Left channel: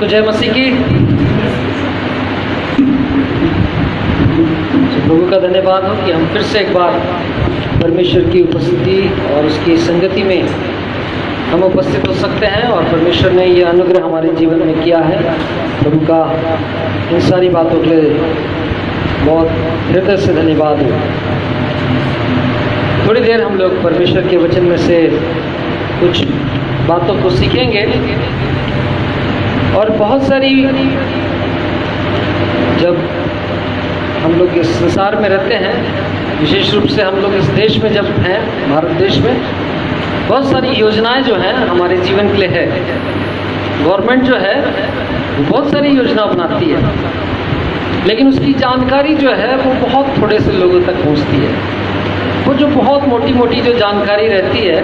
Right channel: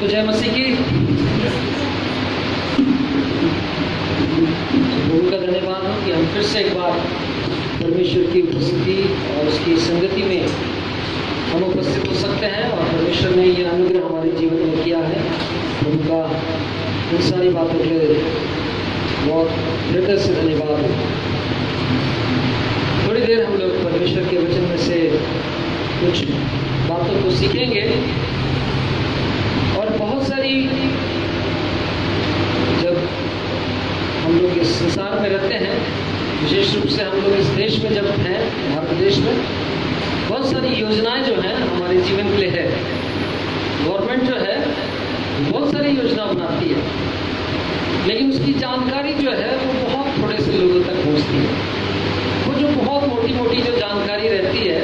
सबको जय मसीह की। प्रभु का धन्यवाद हो कि हम फिर से एक बार परमेश्वर की उपस्थिति और उसकी संगति में हम उपस्थित हो सकते हैं और परमेश्वर ने यह अनुग्रह हमारे जीवन में किया है। प्रभु का इन सारी बातों के लिए बहुत हृदय से धन्यवाद हो। थोड़ी देर हम लोग परमेश्वर के वचन में से कुछ बातों को सीखेंगे और बहुत सारी, जब हम लोग इस संसार में रहते हैं, विशेष रूप से हम लोग इस देश में जब हैं, भारत देश में, बहुत सारी योजनाएं जो हैं हमारे जीवन के लिए है। गवर्नमेंट जो है बहुत सारी योजना बनाती है, लेकिन उसकी जानकारी जो है वो बहुत थोड़े से लोगों तक पहुंचती है। वो जो बहुत मोटी मोटी जो जानकारी रहती है,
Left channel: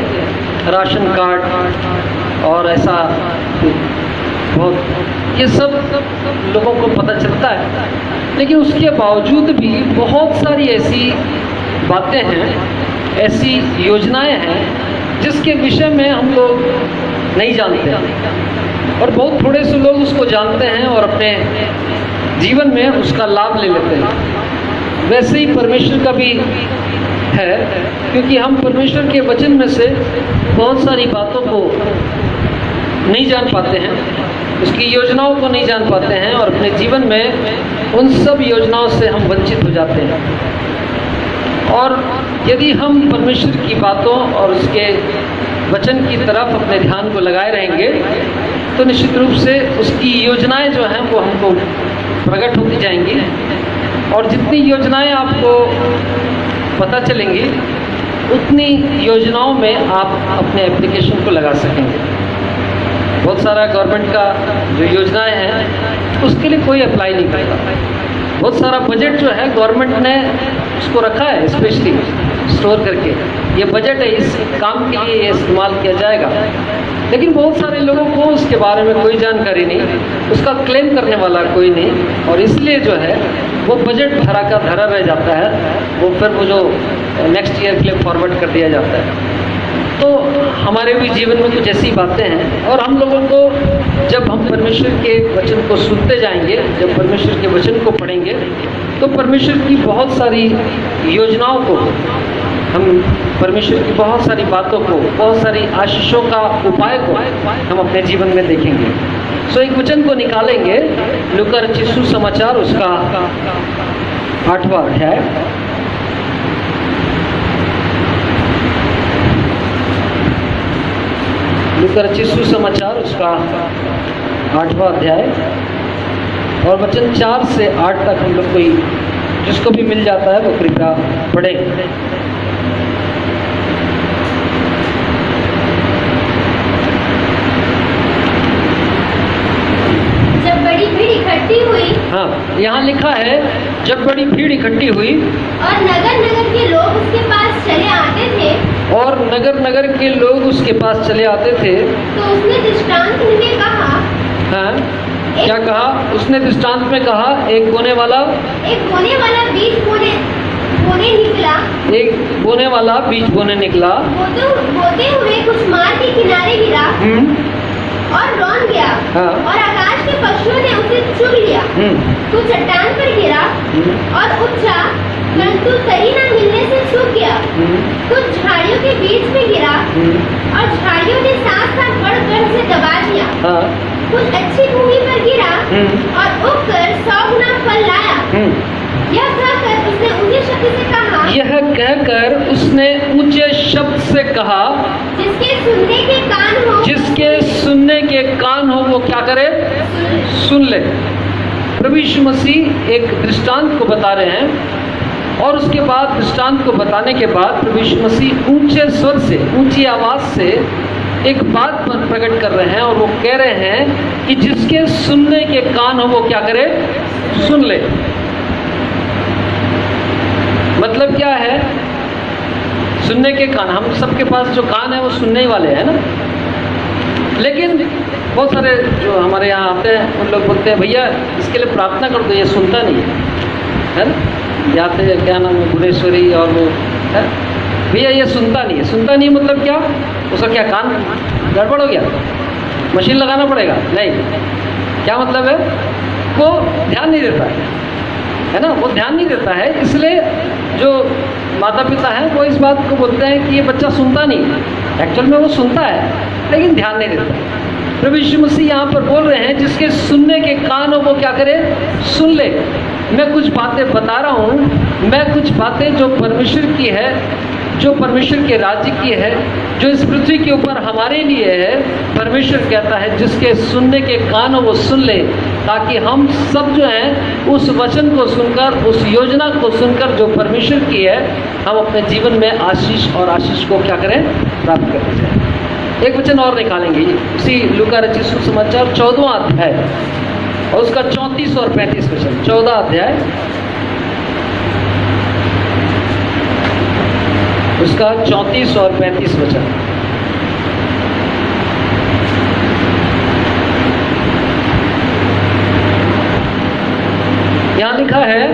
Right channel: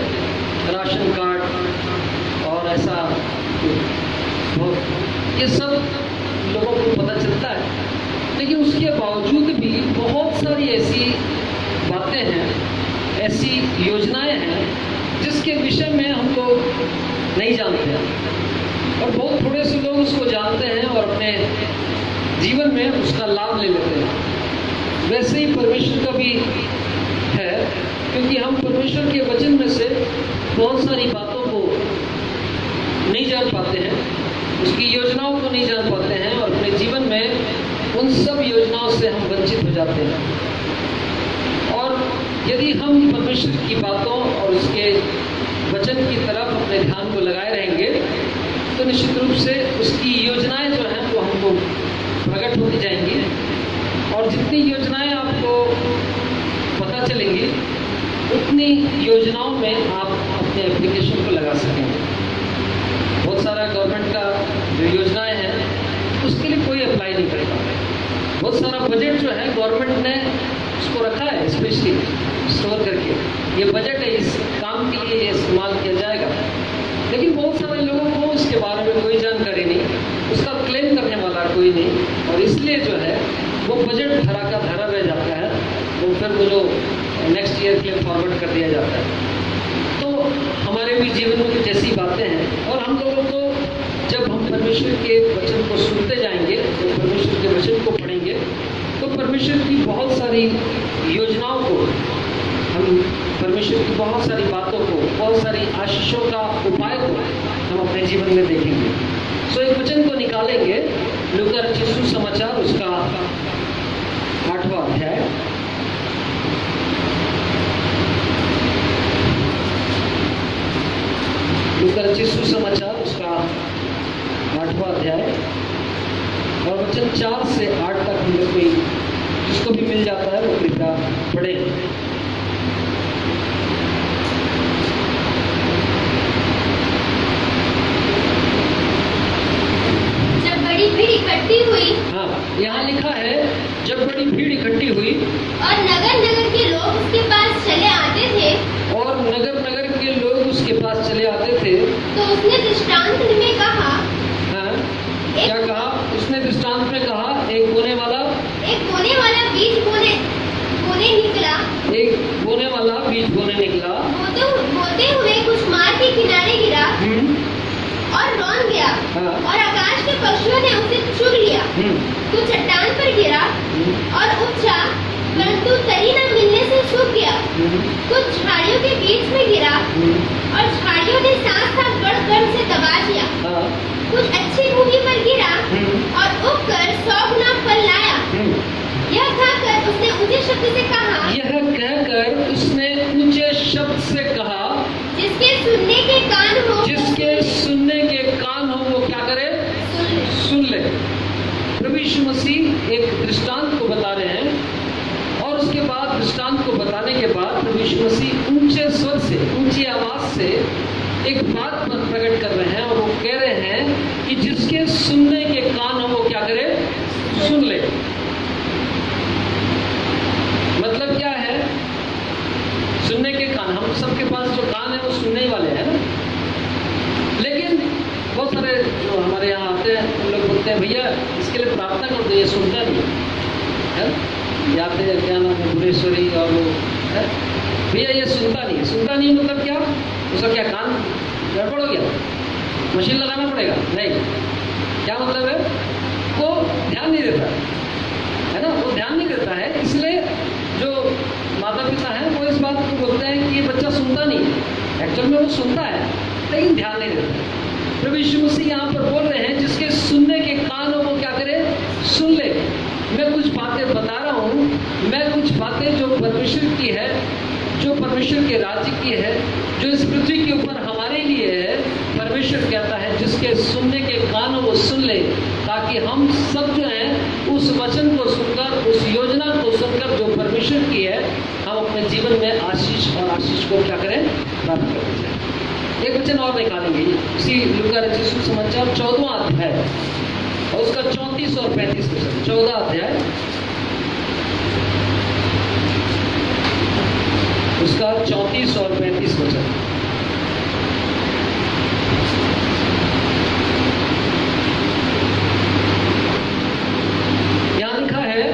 राशन कार्ड और ऐसा बहुत, ये सब लोगों को पता चलता है, लेकिन उसके बावजूद भी बहुत सारी ऐसी बातें हैं, ऐसी योजनाएं हैं जिसके विषय में हम लोग नहीं जानते और बहुत थोड़े से लोग उसको जानते हैं और अपने जीवन में उसका लाभ ले लेते हैं। वैसे ही परमेश्वर का भी है, क्योंकि हम परमेश्वर के वचन में से बहुत सारी बातों को नहीं जान पाते हैं, उसकी योजनाओं को नहीं जान पाते हैं और अपने जीवन में उन सब योजनाओं से हम वंचित हो जाते हैं। और यदि हम परमेश्वर की बातों और उसके वचन की तरफ अपने ध्यान को लगाए रहेंगे तो निश्चित रूप से उसकी योजनाएं जो हैं वो हमको प्रकट होती जाएंगी और जितनी योजनाएं आपको पता चलेंगी उतनी योजनाओं में आप अपने एप्लीकेशन को लगा सकेंगे। बहुत सारा गवर्नमेंट का जो योजनाएं हैं उसके लिए कोई अप्लाई नहीं करेगा। बहुत सारा बजट जो है गवर्नमेंट ने उसको रखा है स्पेशली स्टोर करके, ये बजट है, इस काम के लिए ये इस्तेमाल किया जाएगा, लेकिन बहुत सारे लोगों को उसके बारे में कोई जानकारी नहीं, उसका क्लेम करने वाला कोई नहीं और इसलिए जो है वो बजट धरा का धरा रह जाता है, वो फिर वो जो नेक्स्ट ईयर के लिए फॉरवर्ड कर दिया जाता है। तो हमारे भी जीवन में कुछ ऐसी बातें हैं और हम लोगों को जब हम परमेश्वर के वचन को सुनते जाएंगे, जब परमेश्वर के वचन को पढ़ेंगे तो परमेश्वर की बहुत सारी योजनाओं को, हम परमेश्वर की बहुत सारी बातों को, बहुत सारी आशीषों का उपाय को हम अपने जीवन में देखेंगे। सो एक वचन को निकालेंगे, लूका रचित सुसमाचार उसका 8वां अध्याय, लूका रचित सुसमाचार उसका 8वां अध्याय और वचन 4 से 8 तक हम लोग कोई जिसको भी मिल जाता है वो कृपया पढ़े। जब बड़ी भीड़ इकट्ठी हुई, हाँ, यहाँ लिखा है जब बड़ी भीड़ इकट्ठी हुई और नगर नगर के लोग उसके पास चले आते थे, और नगर नगर के लोग उसके पास चले आते थे, तो उसने दृष्टांत में कहा, हाँ, क्या कहा? उसने दृष्टांत में कहा, एक बोने वाला बीज बोने निकला, एक बोने वाला बीज बोने निकला, बोते हुए कुछ मार्ग के किनारे गिरा और रौंद गया, हाँ, और आकाश के पशुओं ने उसे चुग लिया। कुछ चट्टान पर गिरा और उपजा, परंतु तरी न मिलने से सूख गया। कुछ झाड़ियों के बीच में गिरा और झाड़ियों ने साथ साथ बढ़ से दबा दिया। हाँ, कुछ अच्छी भूमि पर गिरा और उगकर 100 गुना फल लाया। यह कहकर उसने ऊंचे शब्द से कहा, जिसके सुनने के कान हो वो क्या करे? सुन ले। प्रभु यीशु मसीह एक दृष्टांत को बता रहे हैं और उसके बाद दृष्टांत को बताने के बाद प्रभु यीशु मसीह ऊंचे स्वर से, ऊंची आवाज से एक बात पर प्रकट कर रहे हैं और वो कह रहे हैं कि जिसके सुनने के कान हो वो क्या करे? सुन ले। मतलब क्या है? सुनने के कान, हम सबके पास जो कान है वो सुनने ही वाले हैं ना, लेकिन बहुत सारे जो हमारे यहाँ आते हैं उन लोग बोलते हैं भैया इसके लिए प्रार्थना कर दो, ये सुनता नहीं है ना। जाते हैं, क्या नाम है, गुणेश्वरी और वो है, भैया ये सुनता नहीं है। सुनता नहीं मतलब क्या? उसका क्या कान गड़बड़ हो गया? मशीन लगाना पड़ेगा? नहीं। क्या मतलब है? वो ध्यान नहीं देता है ना, वो ध्यान नहीं देता है। इसलिए जो माता पिता हैं वो इस बात को बोलते हैं कि ये बच्चा सुनता नहीं। एक्चुअल में वो सुनता है लेकिन ध्यान नहीं देता। प्रभु यीशु मसीह यहाँ पर बोल रहे हैं जिसके सुनने के कान हो वो क्या करे? सुन ले। मैं कुछ बातें बता रहा हूँ, मैं कुछ बातें जो परमेश्वर की है, जो परमेश्वर के राज्य की है, जो इस पृथ्वी के ऊपर हमारे लिए है। परमेश्वर कहता है जिसके सुनने के कान हो वो सुन ले, ताकि हम सब जो हैं उस वचन को सुनकर, उस योजना को सुनकर जो परमेश्वर की है, हम अपने जीवन में आशीष और आशीष को क्या करें? प्राप्त करते जाए। एक वचन और निकालेंगे उसी लूका रचित सुसमाचार 14वां अध्याय और उसका 34 और 35 वचन। 14 अध्याय उसका 34 और 35 वचन। यहाँ लिखा है,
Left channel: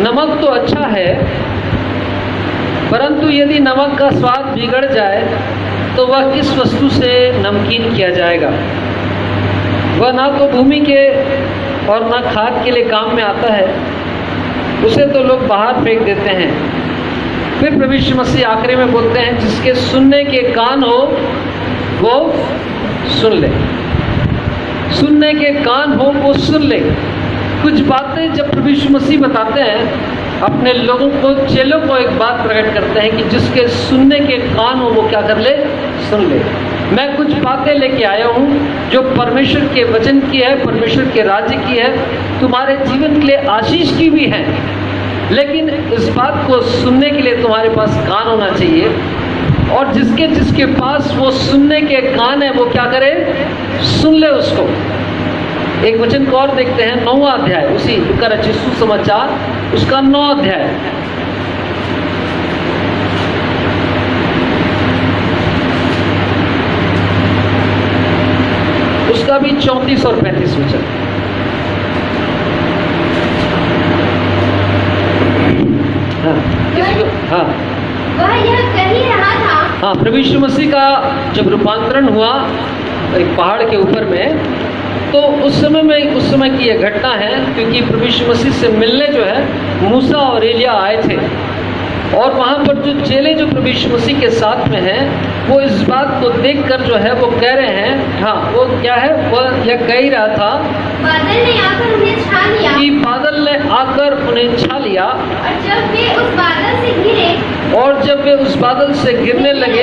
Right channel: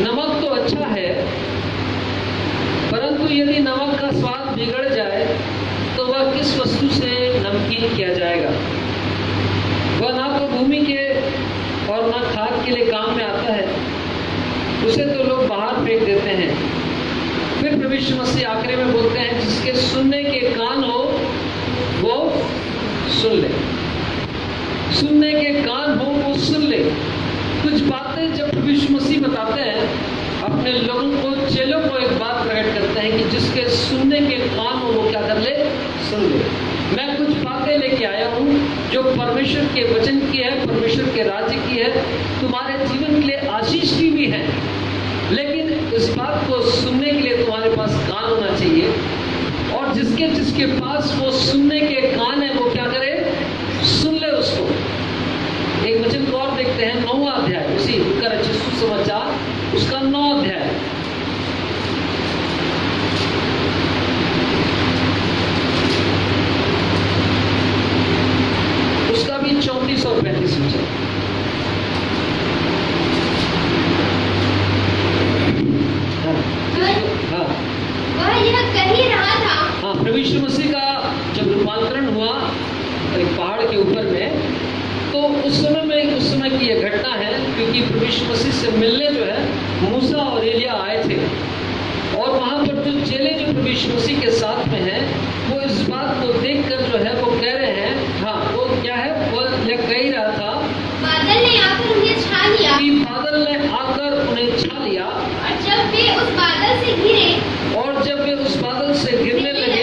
नमक तो अच्छा है, परंतु यदि नमक का स्वाद बिगड़ जाए तो वह किस वस्तु से नमकीन किया जाएगा? वह ना तो भूमि के और ना खाद के लिए काम में आता है, उसे तो लोग बाहर फेंक देते हैं। फिर प्रभु यीशु मसीह आखिरी में बोलते हैं जिसके सुनने के कान हो वो सुन ले। सुनने के कान हो वो सुन ले। कुछ बातें जब प्रभु यीशु मसीह बताते हैं अपने लोगों को, चेलों को एक बात प्रकट करते हैं कि जिसके सुनने के कान हो वो क्या कर ले? सुन ले। मैं कुछ बातें लेके आया हूँ जो परमेश्वर के वचन की है, परमेश्वर के राज्य की है, तुम्हारे जीवन के लिए आशीष की भी है। लेकिन इस बात को सुनने के लिए तुम्हारे पास कान होना चाहिए, और जिसके जिसके पास वो सुनने के कान है वो क्या करे? सुन ले उसको। एक वचन को और देखते हैं, 9वां अध्याय उसी लूका रचित सुसमाचार उसका 9 अध्याय। उसका भी 34 और 35 वचन। हाँ, वह यह कह ही रहा था। हाँ, प्रभु यीशु मसीह का जब रूपांतरण हुआ एक पहाड़ के ऊपर में, तो उस समय की यह घटना है, क्योंकि प्रभु यीशु मसीह से मिलने जो है मूसा और एलिया आए थे, और वहाँ पर जो चेले जो प्रभु यीशु मसीह के साथ में हैं, वो इस बात को देखकर जो है वो कह रहे हैं, हाँ वो क्या है, वो यह कह ही रहा था बादल ने आकर उन्हें छा लिया, कि बादल ने आकर उन्हें छा लिया, और जब वे उस बादल से गिरे, और जब वे उस बादल से गिरने लगे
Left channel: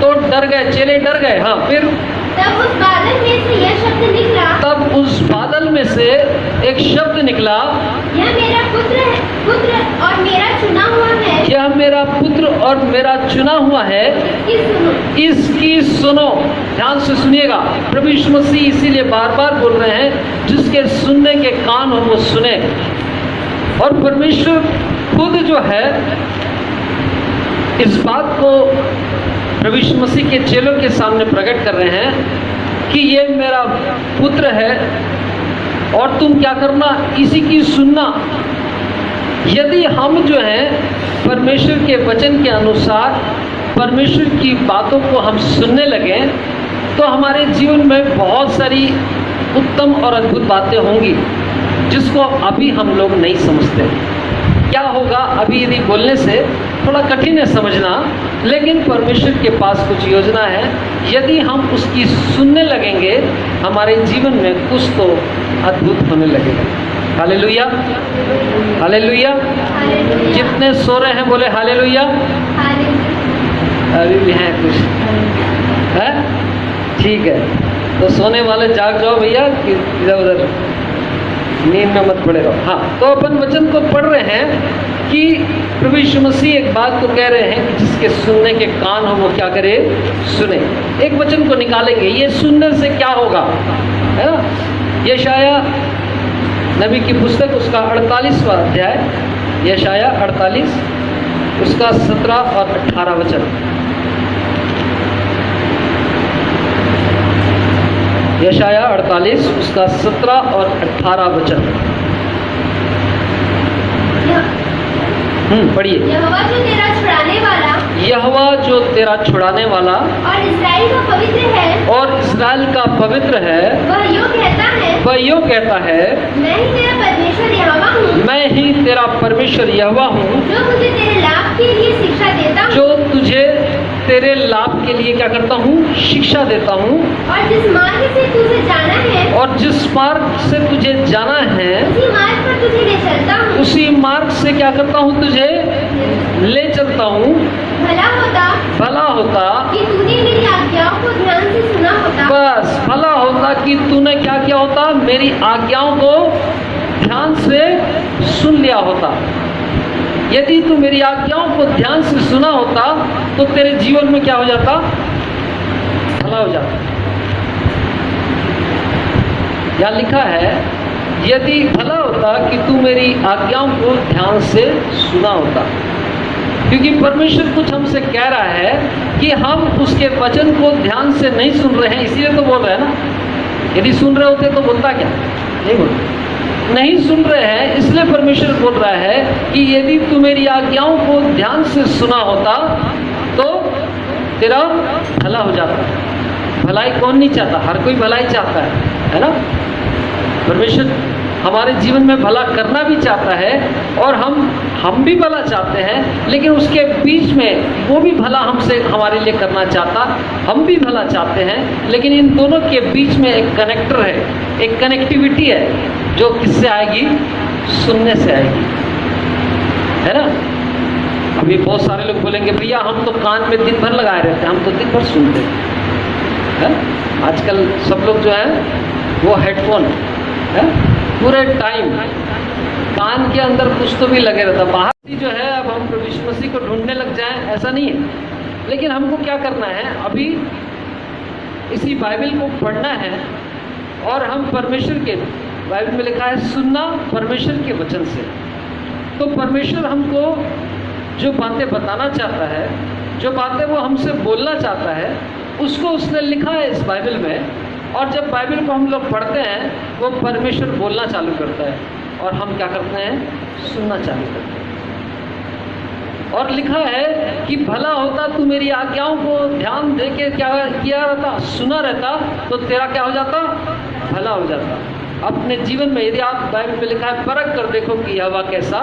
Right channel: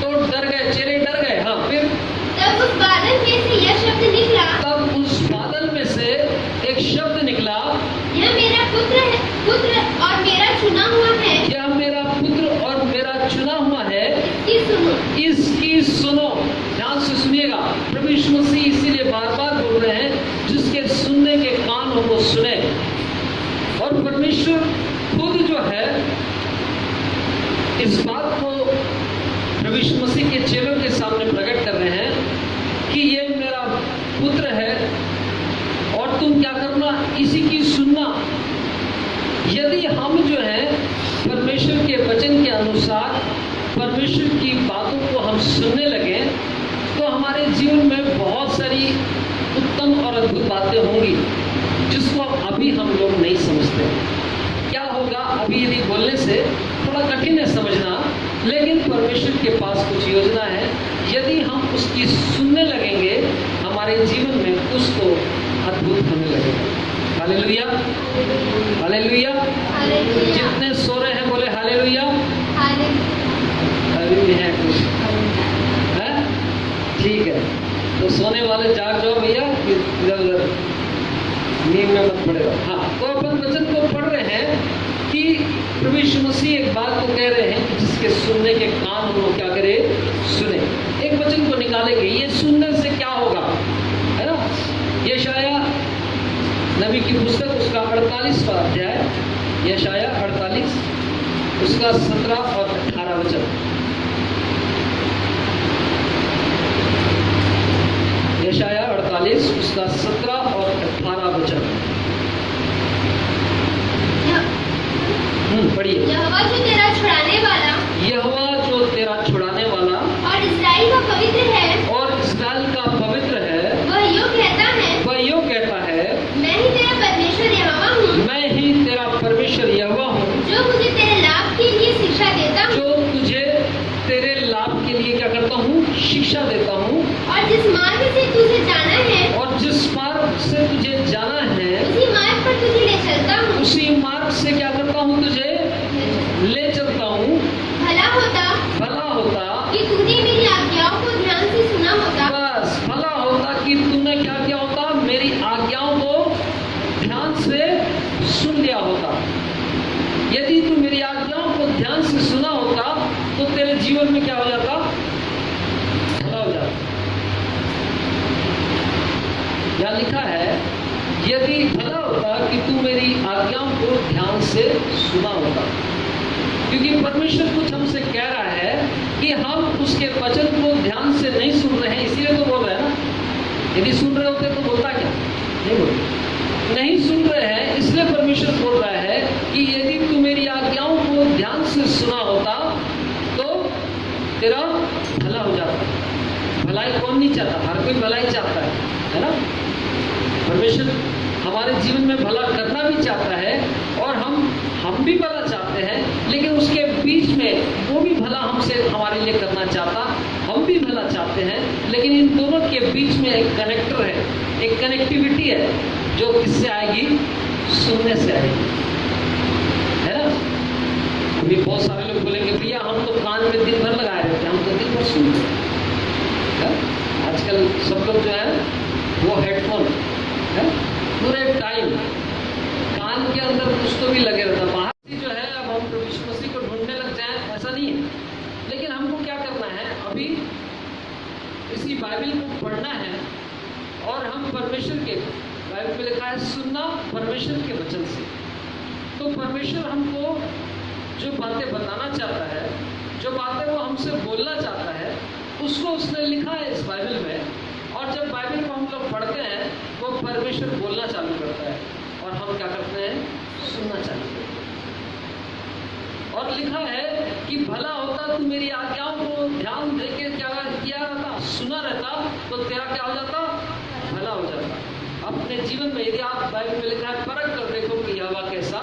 तो डर गए, चेले डर गए। हाँ, फिर तब उस बादल में से यह शब्द निकला, तब उस बादल में से एक शब्द निकला, यह मेरा पुत्र और मेरा चुना हुआ है, यह मेरा पुत्र और मेरा चुना हुआ है, इसकी सुनो। ध्यान से सुनिएगा, प्रभु यीशु मसीह इसीलिए बार बार बोल रहे हैं जिसके सुनने के कान हो वो सुने। और परमेश्वर खुद जो है इस बात को प्रभु यीशु मसीह के चेलों के सामने प्रकट कर रहे हैं कि ये मेरा पुत्र है और तुम क्या करना, इसी की सुनना। यदि हम जो है परमेश्वर के वचन के अनुसार परमेश्वर की बातों को हम सुनने लगे तो हमारे जीवन में बहुत सारी उत्तम और अद्भुत बातें होंगी जिसको अभी हम लोग नहीं समझते। क्या होगा अभी यदि बोलने से थोड़ा कठिन है समझना, लेकिन परमेश्वर के पास कुछ योजना है। यदि हम उसकी सुनने लगेंगे हमारे जीवन में कुछ तो अद्भुत होने लगेगा। Hallelujah, hallelujah. जितने सो रहे हैं बोले हालेलुया। अभी भी हैं कुछ है, ठीक है, तो सोने वाले जाग जाओ भैया, इधर उधर नींद में मत पड़े रहो। हाँ, तो अपन वचन को पढ़ रहे हैं कि प्रभु यीशु मसीह एक बात को कह रहे हैं कि जिसके सुनने के कान हो वो क्या करे, सुने। एक वचन को निकालेंगे, ये सुनने से क्या होगा, है ना। यशाया नबी की पुस्तक उसका 48वां अध्याय, यशाया 48 उसका 17 और 18 वचन। यशाया 48 उसका 17 और 18 वचन। पढ़िए। यहोवा जो तेरा छुड़ाने वाला, यहोवा जो तेरा छुड़ाने वाला और इस्राएल का पवित्र है, और पवित्र है वह यूं कहता है, वह यूं कहता है, मैं ही तेरा परमेश्वर यहोवा हूँ, मैं ही तेरा परमेश्वर यहोवा हूँ, जो मुझे तेरे लाभ के लिए शिक्षा देता हूँ, जो तुझे तेरे लाभ के लिए क्या करता हूँ, शिक्षा देता हूँ। और जिस मार्ग से तुझे जाना है, और जिस मार्ग से तुझे जाना है, उसी मार्ग पर तुझे ले चलता हूँ। उसी मार्ग से क्या करता हूँ, तुझे ले चलता हूँ। भला होता कि तूने मेरी आज्ञाओं को ध्यान से सुना होता। बस भला होता कि तूने क्या किया होता, मेरी आज्ञाओं को ध्यान से सुन लिया होता। यदि तू मेरी आज्ञाओं को ध्यान से सुना होता तो तेरे जीवन में क्या हो जाता, भला हो जाता। यहाँ लिखा है, यदि भला होता कि तू मेरी आज्ञाओं को ध्यान से सुना होता। क्योंकि परमेश्वर कुछ हमसे कह रहा है कि हम उसके वचन को ध्यान से नहीं सुन रहे हैं, इसीलिए तो बोल रहे हैं ना। यदि सुन रहे होते तो बोलता क्या, नहीं बोलते। नहीं सुन रहे हैं इसलिए परमेश्वर बोल रहा है कि यदि तू मेरी आज्ञाओं को ध्यान से सुना होता तो तेरा भला हो जाता। भलाई कौन नहीं चाहता, हर कोई भलाई चाहता है ना। परमेश्वर हमारे जीवन में भला करना भी चाहता है और हम भी भला चाहते हैं, लेकिन उसके बीच में वो भी भला हमसे हमारे लिए करना चाहता, हम भी भला चाहते हैं, लेकिन इन दोनों के बीच में एक कनेक्टर है, एक कनेक्टिविटी है जो किससे आएगी, सुनने से आएगी, है ना। अभी बहुत सारे लोग बोलेंगे भैया हम तो कान में दिन भर लगाए रहते हैं, हम तो दिन भर सुनते हैं। आजकल सब लोग जो है वो हेडफोन है, पूरे टाइम कान के अंदर कुछ तो भी लगे रहता। बाहर जो है अब हम प्रभु यीशु मसीह को ढूंढने लग जाएं, ऐसा नहीं है। लेकिन हमको क्या करना है, अभी इसी बाइबल को पढ़ना है और हम परमेश्वर के, बाइबल में लिखा है सुनना परमेश्वर के वचन से। तो परमेश्वर हमको जो बातें बताना चाहता है, जो बातें वो हमसे बोलना चाहता है, उसको उसने लिखा है इस बाइबल में। और जब बाइबल को हम लोग पढ़ते हैं वो परमेश्वर बोलना चालू करता है और हम क्या करते हैं, सुनना चालू करते हैं। और लिखा है कि भला होता तू मेरी आज्ञाओं को ध्यान दे के क्या किया रहता, सुना रहता, तो तेरा क्या हो जाता, भला हो जाता। अपने जीवन में यदि आप बाइबल में लिखा है परख कर देखो कि यहोवा कैसा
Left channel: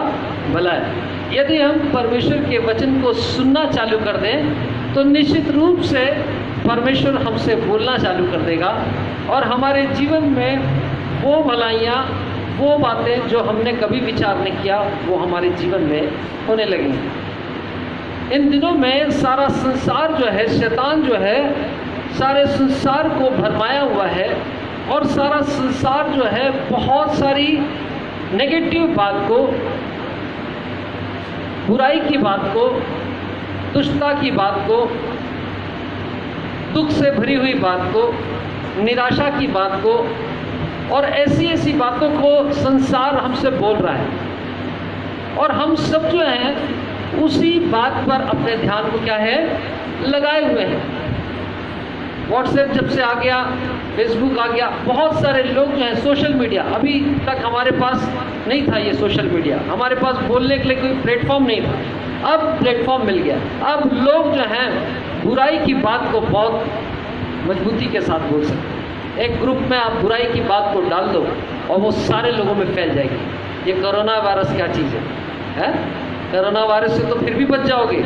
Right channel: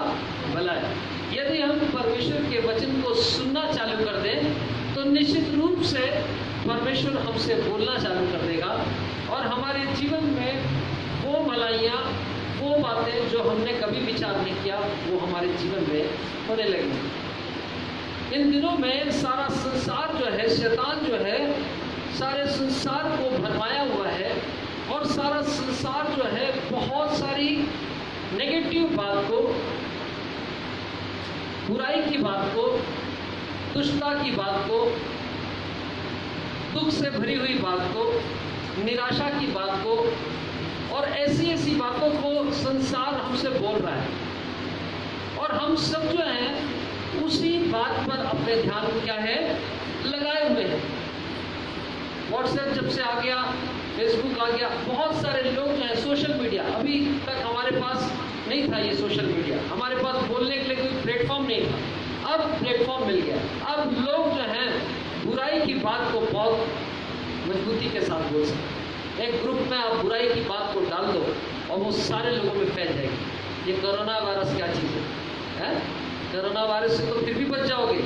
भला है। यदि हम परमेश्वर के वचन को सुनना चालू कर दें तो निश्चित रूप से परमेश्वर हमसे बोलना चालू कर देगा और हमारे जीवन में वो भलाइयाँ, वो बातें जो हमने कभी विचार नहीं किया, वो हमारे जीवन में होने लगेंगी। इन दिनों में सारा संसार जो है, शैतान जो है सारे संसार को भरमाया हुआ है और सारा संसार जो है बहुत सारी नेगेटिव बात को, बुराई की बात को, दुष्टता की बात को, दुख से भरी हुई बात को, निराशा की बात को और ऐसी ऐसी बातों को संसार हमसे बोल रहा है। और हम सब जो हैं उसी बात पर अपने ध्यान को क्या है, लगाए हुए हैं। व्हाट्सएप जब से आ गया, फेसबुक आ गया, बहुत सारे लोग जो हैं सोशल मीडिया, अभी तक हमारे पास नहीं था ये सोशल मीडिया, हमारे पास बोलने के लिए कोई प्लेटफॉर्म नहीं था। अब प्लेटफॉर्म मिल गया। अब लोग जो हैं बुराई की बात को बहुत मजबूती के साथ बोल सकते। एक ग्रुप में आप बुराई की बात को डाल दो और वो सारे लोगों में फैल जाएगी। ये कोरोना वायरस क्या चीज़ है? कोरोना वायरस से तो फिर भी बच जाओगे,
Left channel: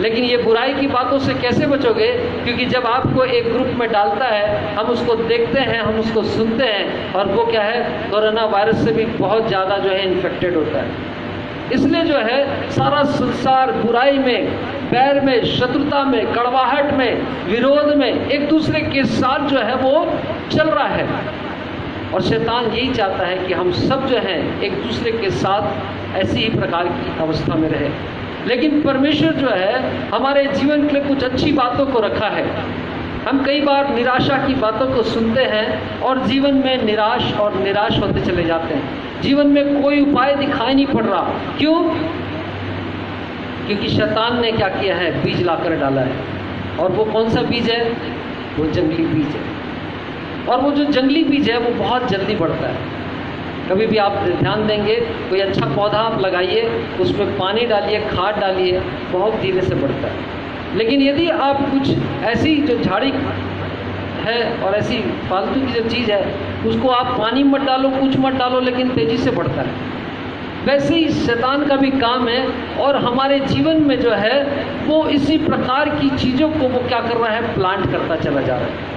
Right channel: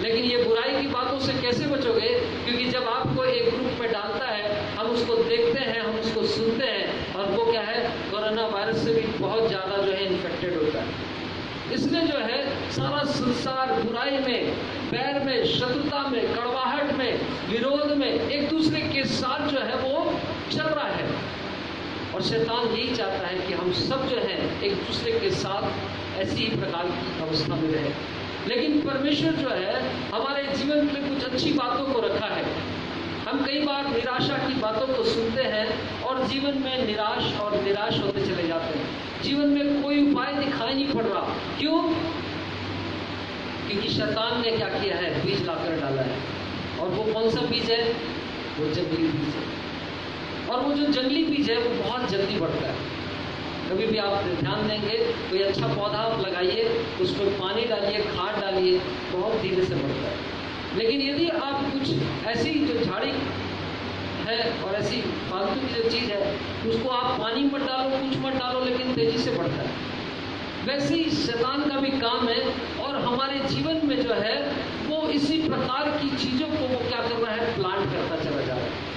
लेकिन ये बुराई की बातों से कैसे बचोगे? क्योंकि जब आपको एक ग्रुप में डालता है, हम उसको देखते हैं, हम उसको सुनते हैं और वो क्या है, कोरोना वायरस से भी बहुत ज़्यादा जो है इन्फेक्टेड होता है। इसलिए जो है सारा संसार बुराई में, बैर में, शत्रुता में, कड़वाहट में, विरोध में, एक दूसरे के साथ जो है वो चल रहा है। और शैतान यही चाहता है कि हम सब जो हैं एक दूसरे के साथ ऐसी ही प्रकार की अवस्था में रहे। लेकिन परमेश्वर जो है हमारे जीवन के लिए कुछ अच्छी बातों को रखा है। हम कई बार निराशा की बातों को सुनते हैं और जीवन में निराश होते चले जाते हैं। जीवन में कोई उपाय दिखाई नहीं पड़ रहा। क्यों? क्योंकि शैतान ने क्या किया है, बीज लाकर डाला है। और वो कौन सा बीज है? वो जंगली बीज है। और वो जो जंगली बीज है वो बहुत जल्दी बढ़ता है। कभी भी आप ध्यान देंगे, कोई अच्छा पौधा आप लगाइए, उसमें पानी डालिए, खाद डालिए, बहुत धीरे से बढ़ता है। लेकिन यदि आप कुछ ऐसी जो झाड़ी है और ऐसी फालतू की जो चीज़ है उसको आप पानी मत डालो, कुछ मत डालो, लेकिन तेज़ी से बढ़ता है। वैसे ही शैतान का भी काम है और हमारे जीवन में जो है वो इसी प्रकार की चीज़ों को वो क्या कर रहा है, प्लांट करता चला जा रहा है।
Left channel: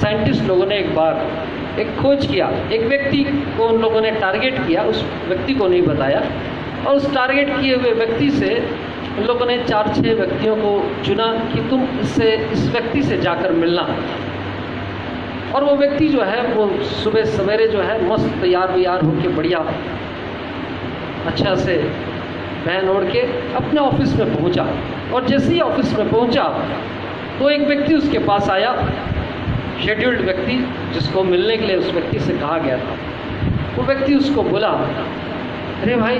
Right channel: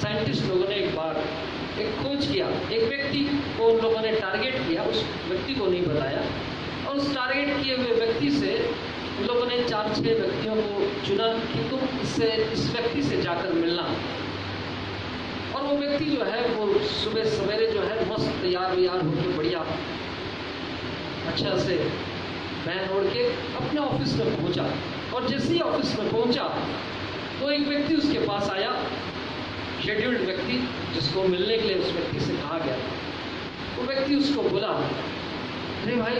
साइंटिस्ट लोगों ने एक बार एक खोज किया, एक व्यक्ति को उन लोगों ने टारगेट किया, उस व्यक्ति को नहीं बताया, और उस टारगेट किए हुए व्यक्ति से उन लोगों ने 4-6 व्यक्तियों को चुना कि तुम इस व्यक्ति से जाकर मिलना। और वो व्यक्ति जो है वो सुबह सवेरे जो है मस्त तैयार होकर बढ़िया अच्छा से पहन ओढ़ के अपने ऑफिस में पहुंचा। और जैसे ही ऑफिस में पहुंचा तो एक व्यक्ति उसके पास आया, शेड्यूल्ड व्यक्ति, जिसको मिलने के लिए उस व्यक्ति से कहा गया था। वो व्यक्ति उसको बोला, अरे भाई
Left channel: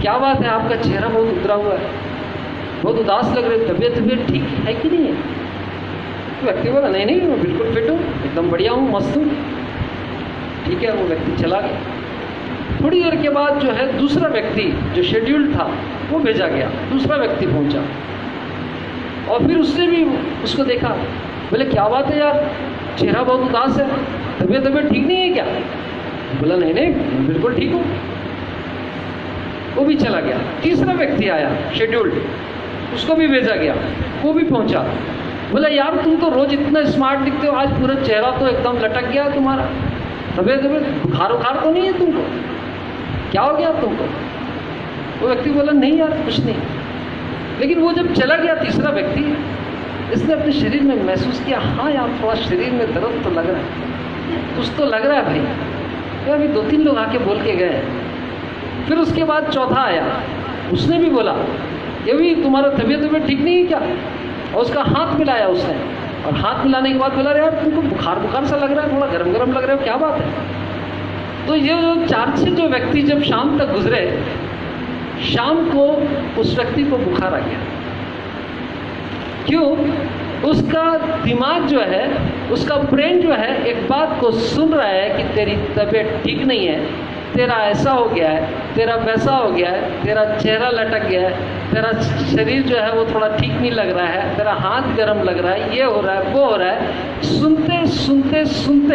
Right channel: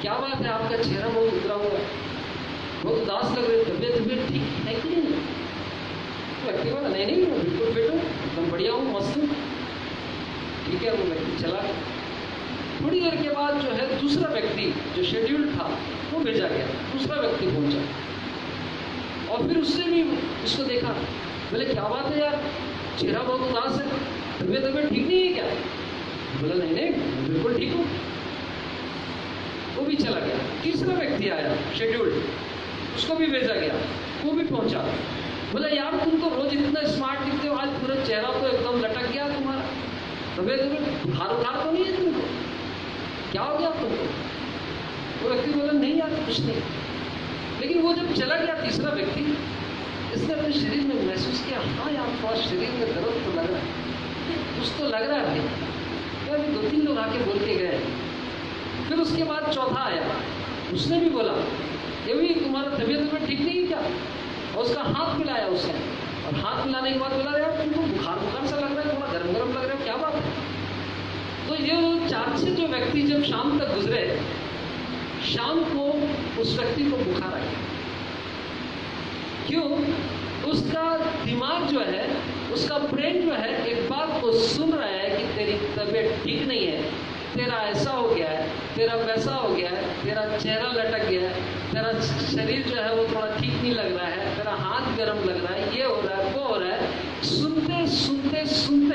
क्या बात है, आपका चेहरा बहुत उतरा हुआ है, बहुत उदास लग रहे, तबीयत ठीक है कि नहीं है? तो व्यक्ति बोला, नहीं मैं बिल्कुल फिट हूँ, एकदम बढ़िया हूँ, मस्त हूँ। ठीक है, वो व्यक्ति चला गया। थोड़ी देर के बाद जो है दूसरा व्यक्ति जो शेड्यूल्ड था वो भेजा गया, दूसरा व्यक्ति पहुंचा और फिर उसने भी उसको देखा, बोले क्या बात है यार, चेहरा बहुत उदास है, तबीयत ठीक नहीं है क्या? बोला नहीं बिल्कुल ठीक हूँ। वो भी चला गया। तीसरा व्यक्ति आया शेड्यूल्ड, उसको भी भेजा गया, वो भी पहुंचा। बोला यार तुम तो रोज इतना स्मार्ट दिखते हो, आज पूरा चेहरा तो एकदम लटक गया तुम्हारा, तबीयत बुखार तो नहीं है तुमको, क्या हो गया तुमको? वो व्यक्ति बोला नहीं यार कुछ नहीं। लेकिन वो जब चला गया तीसरा व्यक्ति, इसने अपने शरीर में महसूस किया, हाँ यार थोड़ा शरीर में दर्द तो लग रहा है, कुछ तो लग रहा है भाई। यार अभी 2-3 लोग आके बोल के गए। फिर उसके बाद चौथा आया, उसने भी बोला ये भी तुम्हारा तबीयत ठीक नहीं है क्या? और उसका हाथ मिलाया उसने, और हाथ मिलाने के बाद बोला यार तुमको बुखार सा लग रहा है, थोड़ा गरम लग रहा है, क्या बात है? तो ये जो 4-6 जो व्यक्ति जब शाम तक गुजरे, शाम को उस व्यक्ति को बुखार आ गया। क्यों? उसका दिमाग जो है, उसका ब्रेन जो है एक बात को सुन रहा है कि तेरी तबीयत ठीक नहीं है, तेरा ऐसा हो गया है, तेरा वैसा हो गया है, तेरा चेहरा लटक गया है, तेरा शरीर जो है वो थोड़ा ठीक नहीं लग रहा है, तेरा हाथ गर्म लग रहा है, ये हो रहा है वो हो रहा है। सुनते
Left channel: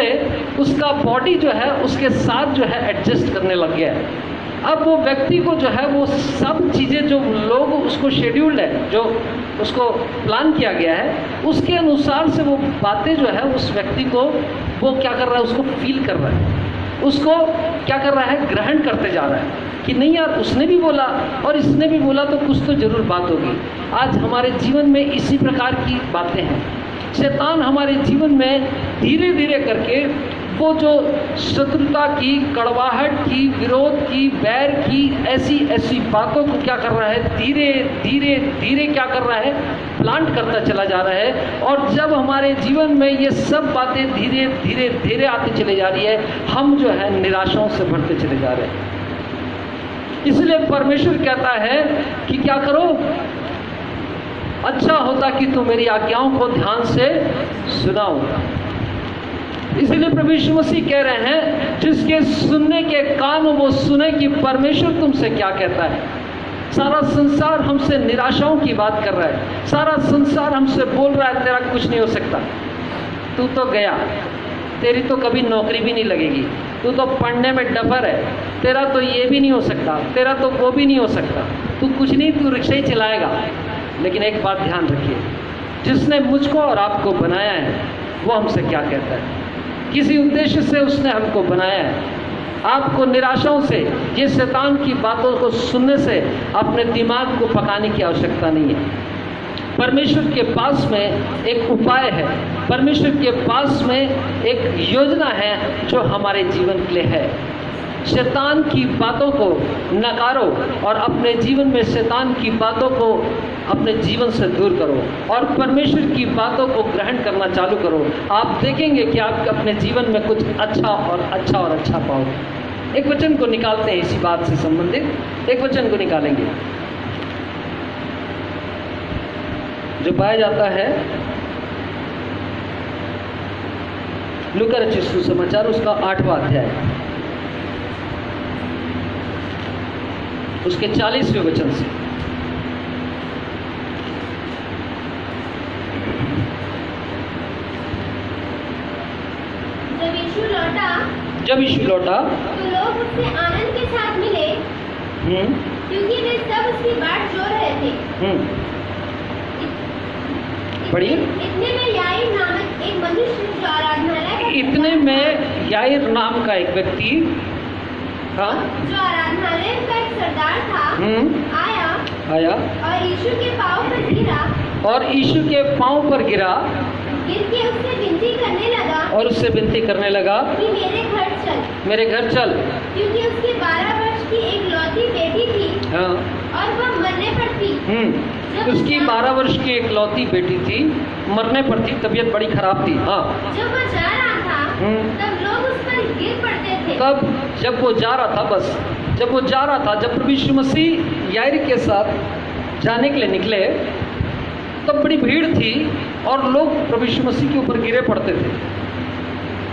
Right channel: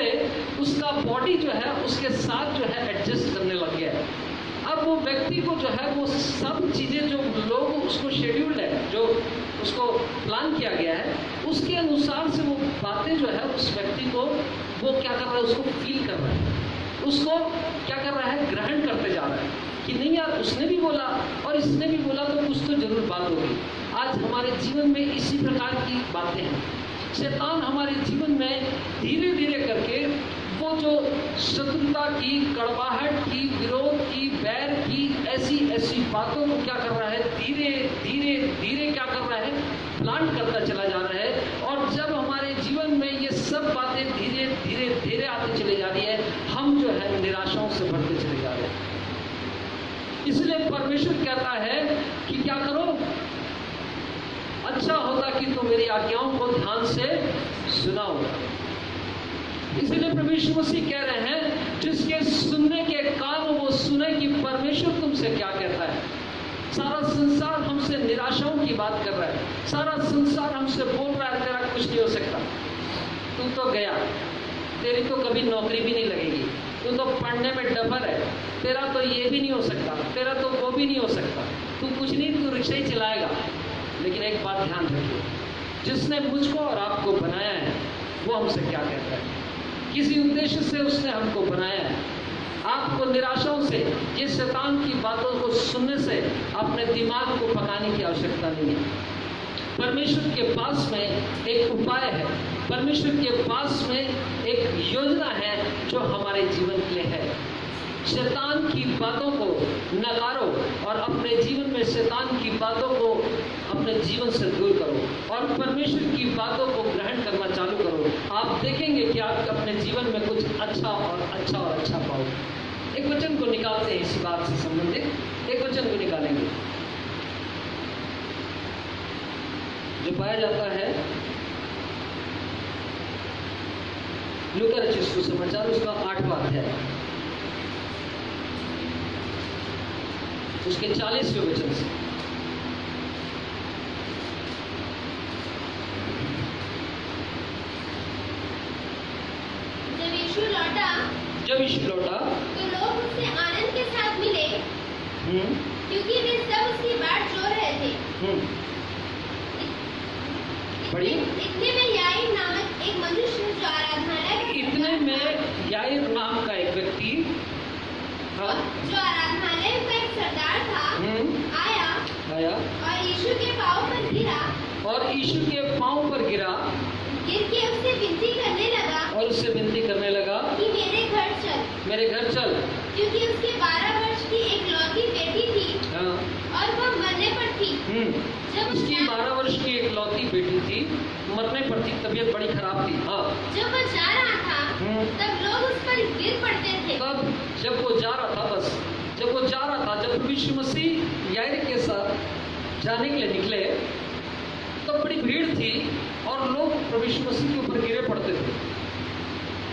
उसका बॉडी जो है उसके साथ जो है एडजस्ट करने लग गया है। अब वो व्यक्ति को जो है वो सब चीज़ें जो लोग उसको शेड्यूल्ड है, जो उसको प्लान किया गया है, उसके अनुसार से वो बातें जो है उस व्यक्ति को वो क्या कर रहा है, उसको फील कर रहा है, उसको क्या कर रहा है, ग्रहण करते जा रहा है कि नहीं यार उसने भी बोला और इसने भी बोला तो कुछ तो जरूर बात होगी। आज हमारे जीवन में इसी प्रकार की बातें हैं। शैतान हमारे जीवन में धीरे धीरे करके वो जो शत्रुता की, कड़वाहट की, विरोध की, बैर की ऐसी बातों को क्या कर रहा है, धीरे क्या कर रहा है, प्लांट करता चला जा रहा है। और जब हमारे जीवन में ये सब बातें धीरे आती चली जा रही है, हम जो है निराशाओं से भरते चले जा रहे हैं। इसलिए परमेश्वर कहता है कि क्या करो, अच्छा होता कि तू मेरी आज्ञाओं को ध्यान से सुना होगा। इसलिए प्रभु यीशु मसीह कह रहे हैं, जिसके सुनने के कान हो वो सुने कि परमेश्वर तुमसे क्या कहता है। सारा संसार हमसे निराशाओं की बात कर रहा है, सारा संसार हमसे बोल रहा है तेरा कुछ नहीं हो सकता, तू तो गया, तेरी तो कभी नौकरी भी नहीं लगेगी, तू तो पढ़ने में डफर है, तेरा तो ये भी नहीं हो सकता, तेरा तो वो भी नहीं हो सकता, तू कुछ नहीं, तू रिक्शा ही चलाएगा। लेकिन एक बात ध्यान रखिए, जिसने मुझको और आपको बनाया है वो हमसे क्या कहता है। किसी उद्देश्य से उसने हमको बनाया है। आपको निराशाओं से, ये शैतान की बातों को सुनने से अपने दिमाग को पकाने की आवश्यकता नहीं है। परमेश्वर के पास में एक उपाय है, परमेश्वर के पास में एक योजना है जो हमारे जीवन के लिए है। शैतान की बातों को नकारो और अपने जीवन में शैतान की बातों को अपने जीवन से दूर करो और परमेश्वर की बातों को ग्रहण करना चालू करो। आप देखेंगे कि आप अपने जीवन में कुछ अच्छा पाओगे। एक वचन को निकालते हैं इसी बात से संबंधित, एक वचन को निकालेंगे जो पाया जाता है लूका रचित सुसमाचार उसका 8वां अध्याय, उसके 40वें वचन से। यीशु लौटा जब यीशु लौटा, तो लोग उससे आनंद के साथ मिले, क्योंकि वे सब उसकी बाट जोह रहे थे। पढ़िए। इतने में याईर नामक एक मनुष्य जो आराधनालय इतने में याईर नाम का एक व्यक्ति था, जो आराधनालय का एक सरदार था, आया और यीशु के पाँव पर गिरा, और यीशु के पाँव पर गिरा, गिर के उससे विनती करने लगा, और उससे विनती करने लगा कि मेरे घर चल, मेरे घर चल, क्योंकि उसकी 12 वर्ष की एक लौती बेटी थी, हाँ, और वह मरने पर थी। उसकी 12 वर्ष की एक लौती बेटी थी, मरने पर थी, तबीयत बड़ी खराब थी। हाँ, जब वो जा रहा था, तब लोग उस पर गिर पड़ते थे। तब जब वो जा रहा था, बस जब वो जा रहा था, जब प्रभु यीशु मसीह याईर के साथ जाने के लिए निकले, तब बड़ी भीड़ थी और लोग प्रभु यीशु मसीह के ऊपर गिरे पड़ते थे।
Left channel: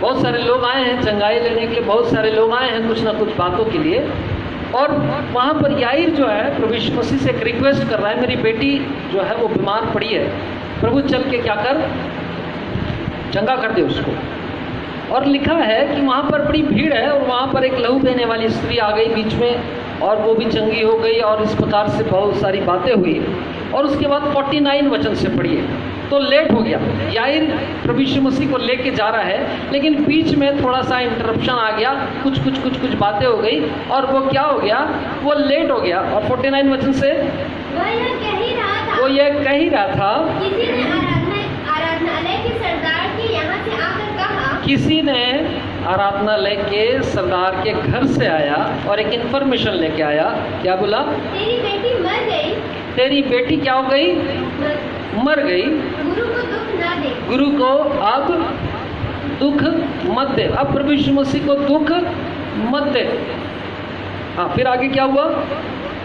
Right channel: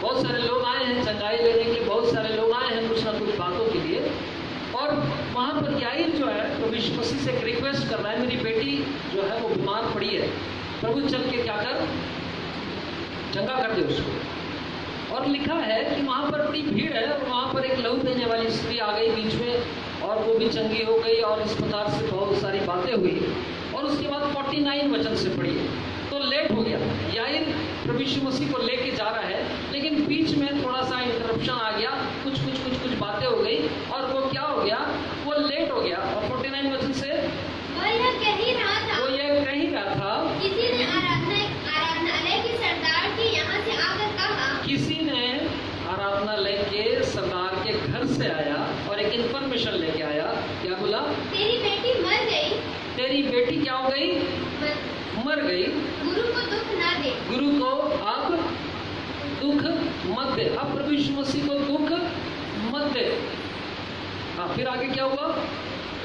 बहुत सारे लोग आए हैं चंगाई लेने के लिए, बहुत सारे लोग आए हैं कुछ ना कुछ बातों के लिए, और वहाँ पर याईर जो है प्रभु यीशु मसीह से एक रिक्वेस्ट कर रहा है, मेरी बेटी जो है वो बीमार पड़ी है, प्रभु चल के क्या कर, चंगा कर दे उसको। और लिखा है कि वहाँ पर बड़ी भीड़ है और वहाँ पर एक लहू बहने वाली स्त्री आ गई बीच में, और वो भी चंगी हो गई, और इस प्रकार से बहुत सारी बातें हुई। और उसके बाद 49 वचन से पढ़िए, तो लेट हो गया। याईर प्रभु यीशु मसीह को लेके जा रहा है, लेकिन बीच में थोड़ा सा इंटरप्शन आ गया, कुछ बातें हो गई, और वो क्या हो गया, वो लेट हो गया। और 49 वचन से वो यह कह ही रहा था, किसी ने आराधनालय के सरदार के यहाँ से आकर कहा, किसी ने आराधनालय के सरदार के घर से आया और एक इन्फॉर्मेशन लेके आया, क्या बोला, तेरी बेटी मर गई। तेरी बेटी क्या हो गई, मर गई। गुरु को दुख न दे, गुरु को अब दुख मत दे, अब प्रभु यीशु मसीह को दुख मत दे। हाँ, फिर आगे क्या हुआ,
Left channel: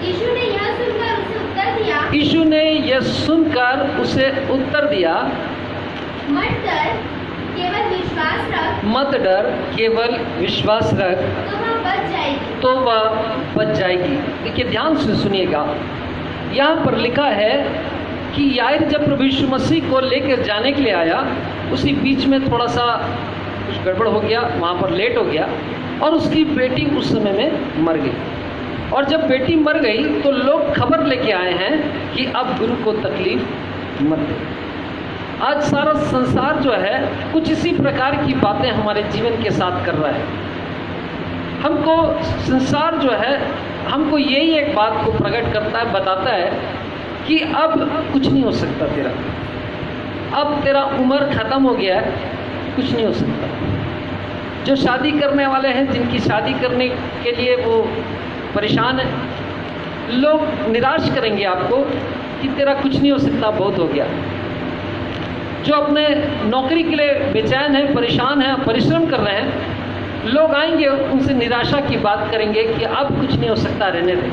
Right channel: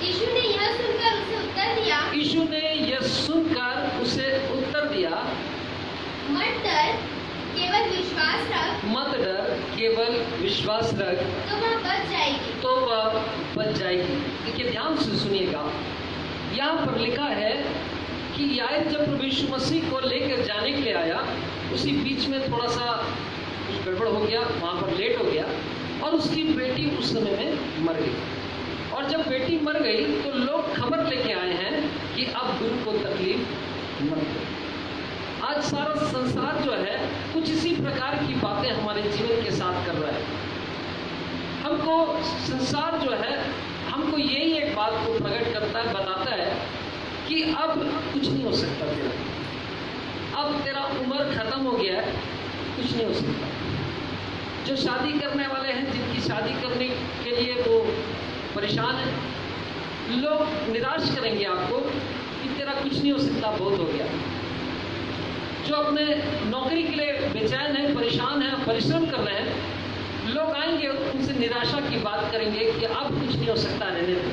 यीशु ने यह सुनकर उसे उत्तर दिया, यीशु ने यह सुनकर उसे उत्तर दिया, मत डर, केवल विश्वास रख, मत डर, केवल विश्वास रख, तो वह बच जाएगी, तो वह बच जाएगी। देखिए ध्यान से सुनिएगा, यहाँ पर लिखा है कि याईर जब प्रभु यीशु मसीह को लेकर जाने के लिए आया, उसी बीच में थोड़ा सा कुछ गड़बड़ हो गया, वहाँ पर लेट हो गया, और उसकी बेटी उस समय में मर गई। और जब बेटी मर गई तो लोग खबर लेके आए हैं कि अब गुरु को तकलीफ मत दे। आज सारा संसार जो है कुछ इसी प्रकार की बातें हमारे जीवन के साथ कर रहा है। हमको संसार जो है हमको यही एक बात को प्रकट करता है, बताता है कि अब कुछ नहीं हो सकता तेरा, अब तेरा उम्र खत्म हो गया है, कुछ नहीं हो सकता। जो शादी करने वाले हैं, जिनकी शादी करने के लिए वो परेशान है, लोग निराश करेंगे आपको कि तेरा कुछ नहीं हो सकता, बहुत हो गया। जो अपने नौकरी के लिए बेचैन है, परेशान है, परिश्रम कर रहे हैं, लोग आएंगे उनसे निराशा की बात करेंगे कि अब कुछ नहीं हो सकता, रहने दें।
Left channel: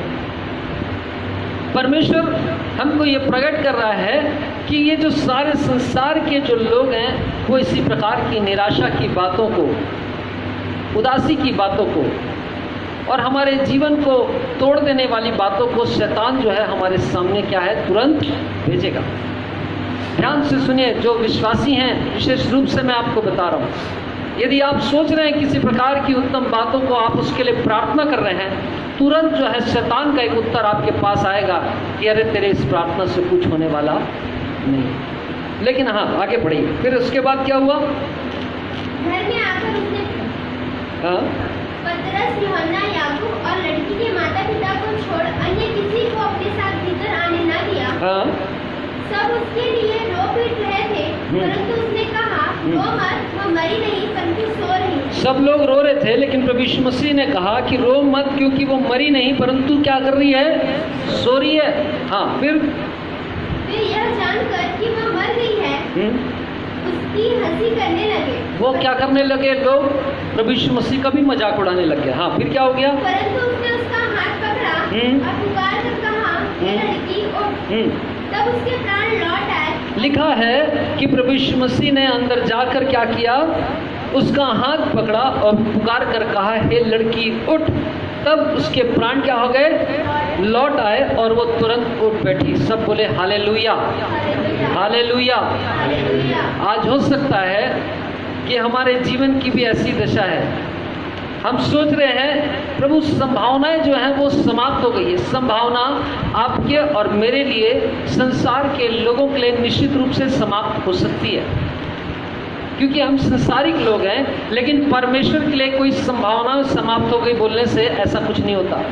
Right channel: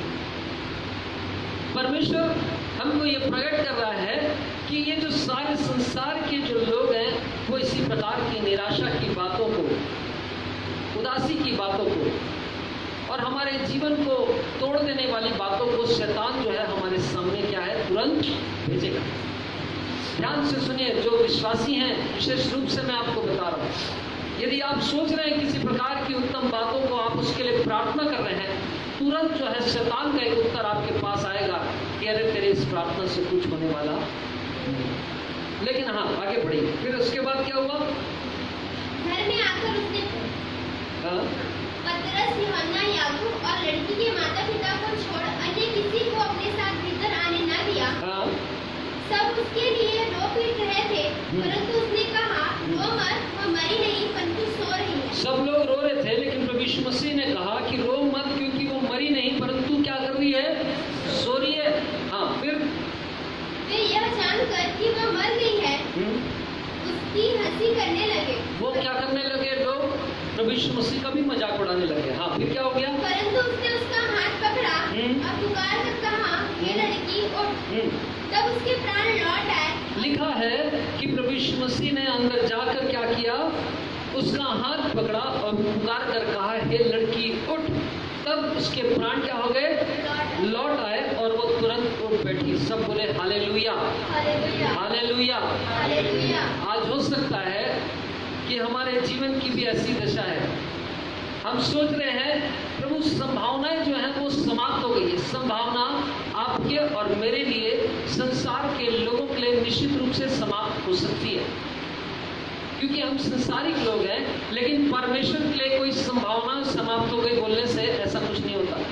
परमेश्वर हमको ये प्रकट कर रहा है कि ये जो सारे संसार के जो लोग हैं वो इसी प्रकार की निराशा की बातों को, उदासी की बातों को और हमारे जीवन को तोड़ देने वाली बातों को शैतान जो है हमारे सामने क्या है, तुरंत भेजेगा। ध्यान से सुनिए, जो विश्वासी हैं, विशेष रूप से मैं आपको बता रहा हूँ, यदि आप सोच रहे हैं किसी प्रकार की उत्तम बातों को, आप उसके लिए प्रार्थना कर रहे हैं, तुरंत जो है शैतान का एक उत्तर आपके पास आएगा कि अरे तेरे इस प्रार्थना से कुछ होने वाला नहीं। लेकिन हाँ, आगे बढ़िए। फिर उसके बाद क्या हुआ, घर में आकर उसने पतरस, यूहन्ना, याकूब और लड़की के माता पिता को छोड़ अन्य किसी को अपने साथ भीतर आने न दिया। सब उसके लिए रो पीट रहे थे, परंतु उसने कहा, रो मत, वह मरी नहीं परंतु सो रही है। सब लोग रो रहे थे, लेकिन प्रभु यीशु मसीह ने कहा कि रो मत, क्योंकि वो मरी नहीं परंतु क्या कर रही है, सो रही है। हाँ, फिर वे यह जानकर कि वह मर गई है, उसकी हंसी करने लगे। वो क्या करने लगे, लोग प्रभु यीशु मसीह का भी मजाक उड़ाने लगे। हाँ, फिर क्या हो गया, परंतु उसने उसका हाथ पकड़ा और पुकार कर कहा, हे लड़की उठ। तब उसके प्राण लौट आए। लिखा है कि प्रभु यीशु मसीह ने अंदर जाकर क्या किया, उसका हाथ पकड़ा और पुकार कर कहा, हे लड़की उठ। तब उसके प्राण क्या हो गए, लौट आए और वो तुरंत उठ बैठी। सब बोले हालेलुया, हालेलुया। आज हो सकता है कि हमारे जीवन की भी ऐसी दशा है। हम सोच रहे हैं प्रभु संभावनाएं जो हैं वो समाप्त हो गई है। संभावना आपके और मेरे लिए, संसार के लोगों के लिए निश्चित रूप से समाप्त हो सकती है, क्योंकि हम संसारिक लोग हैं। लेकिन परमेश्वर के लिए कोई संभावना समाप्त हो गई बोलने से ऐसा कुछ नहीं होता।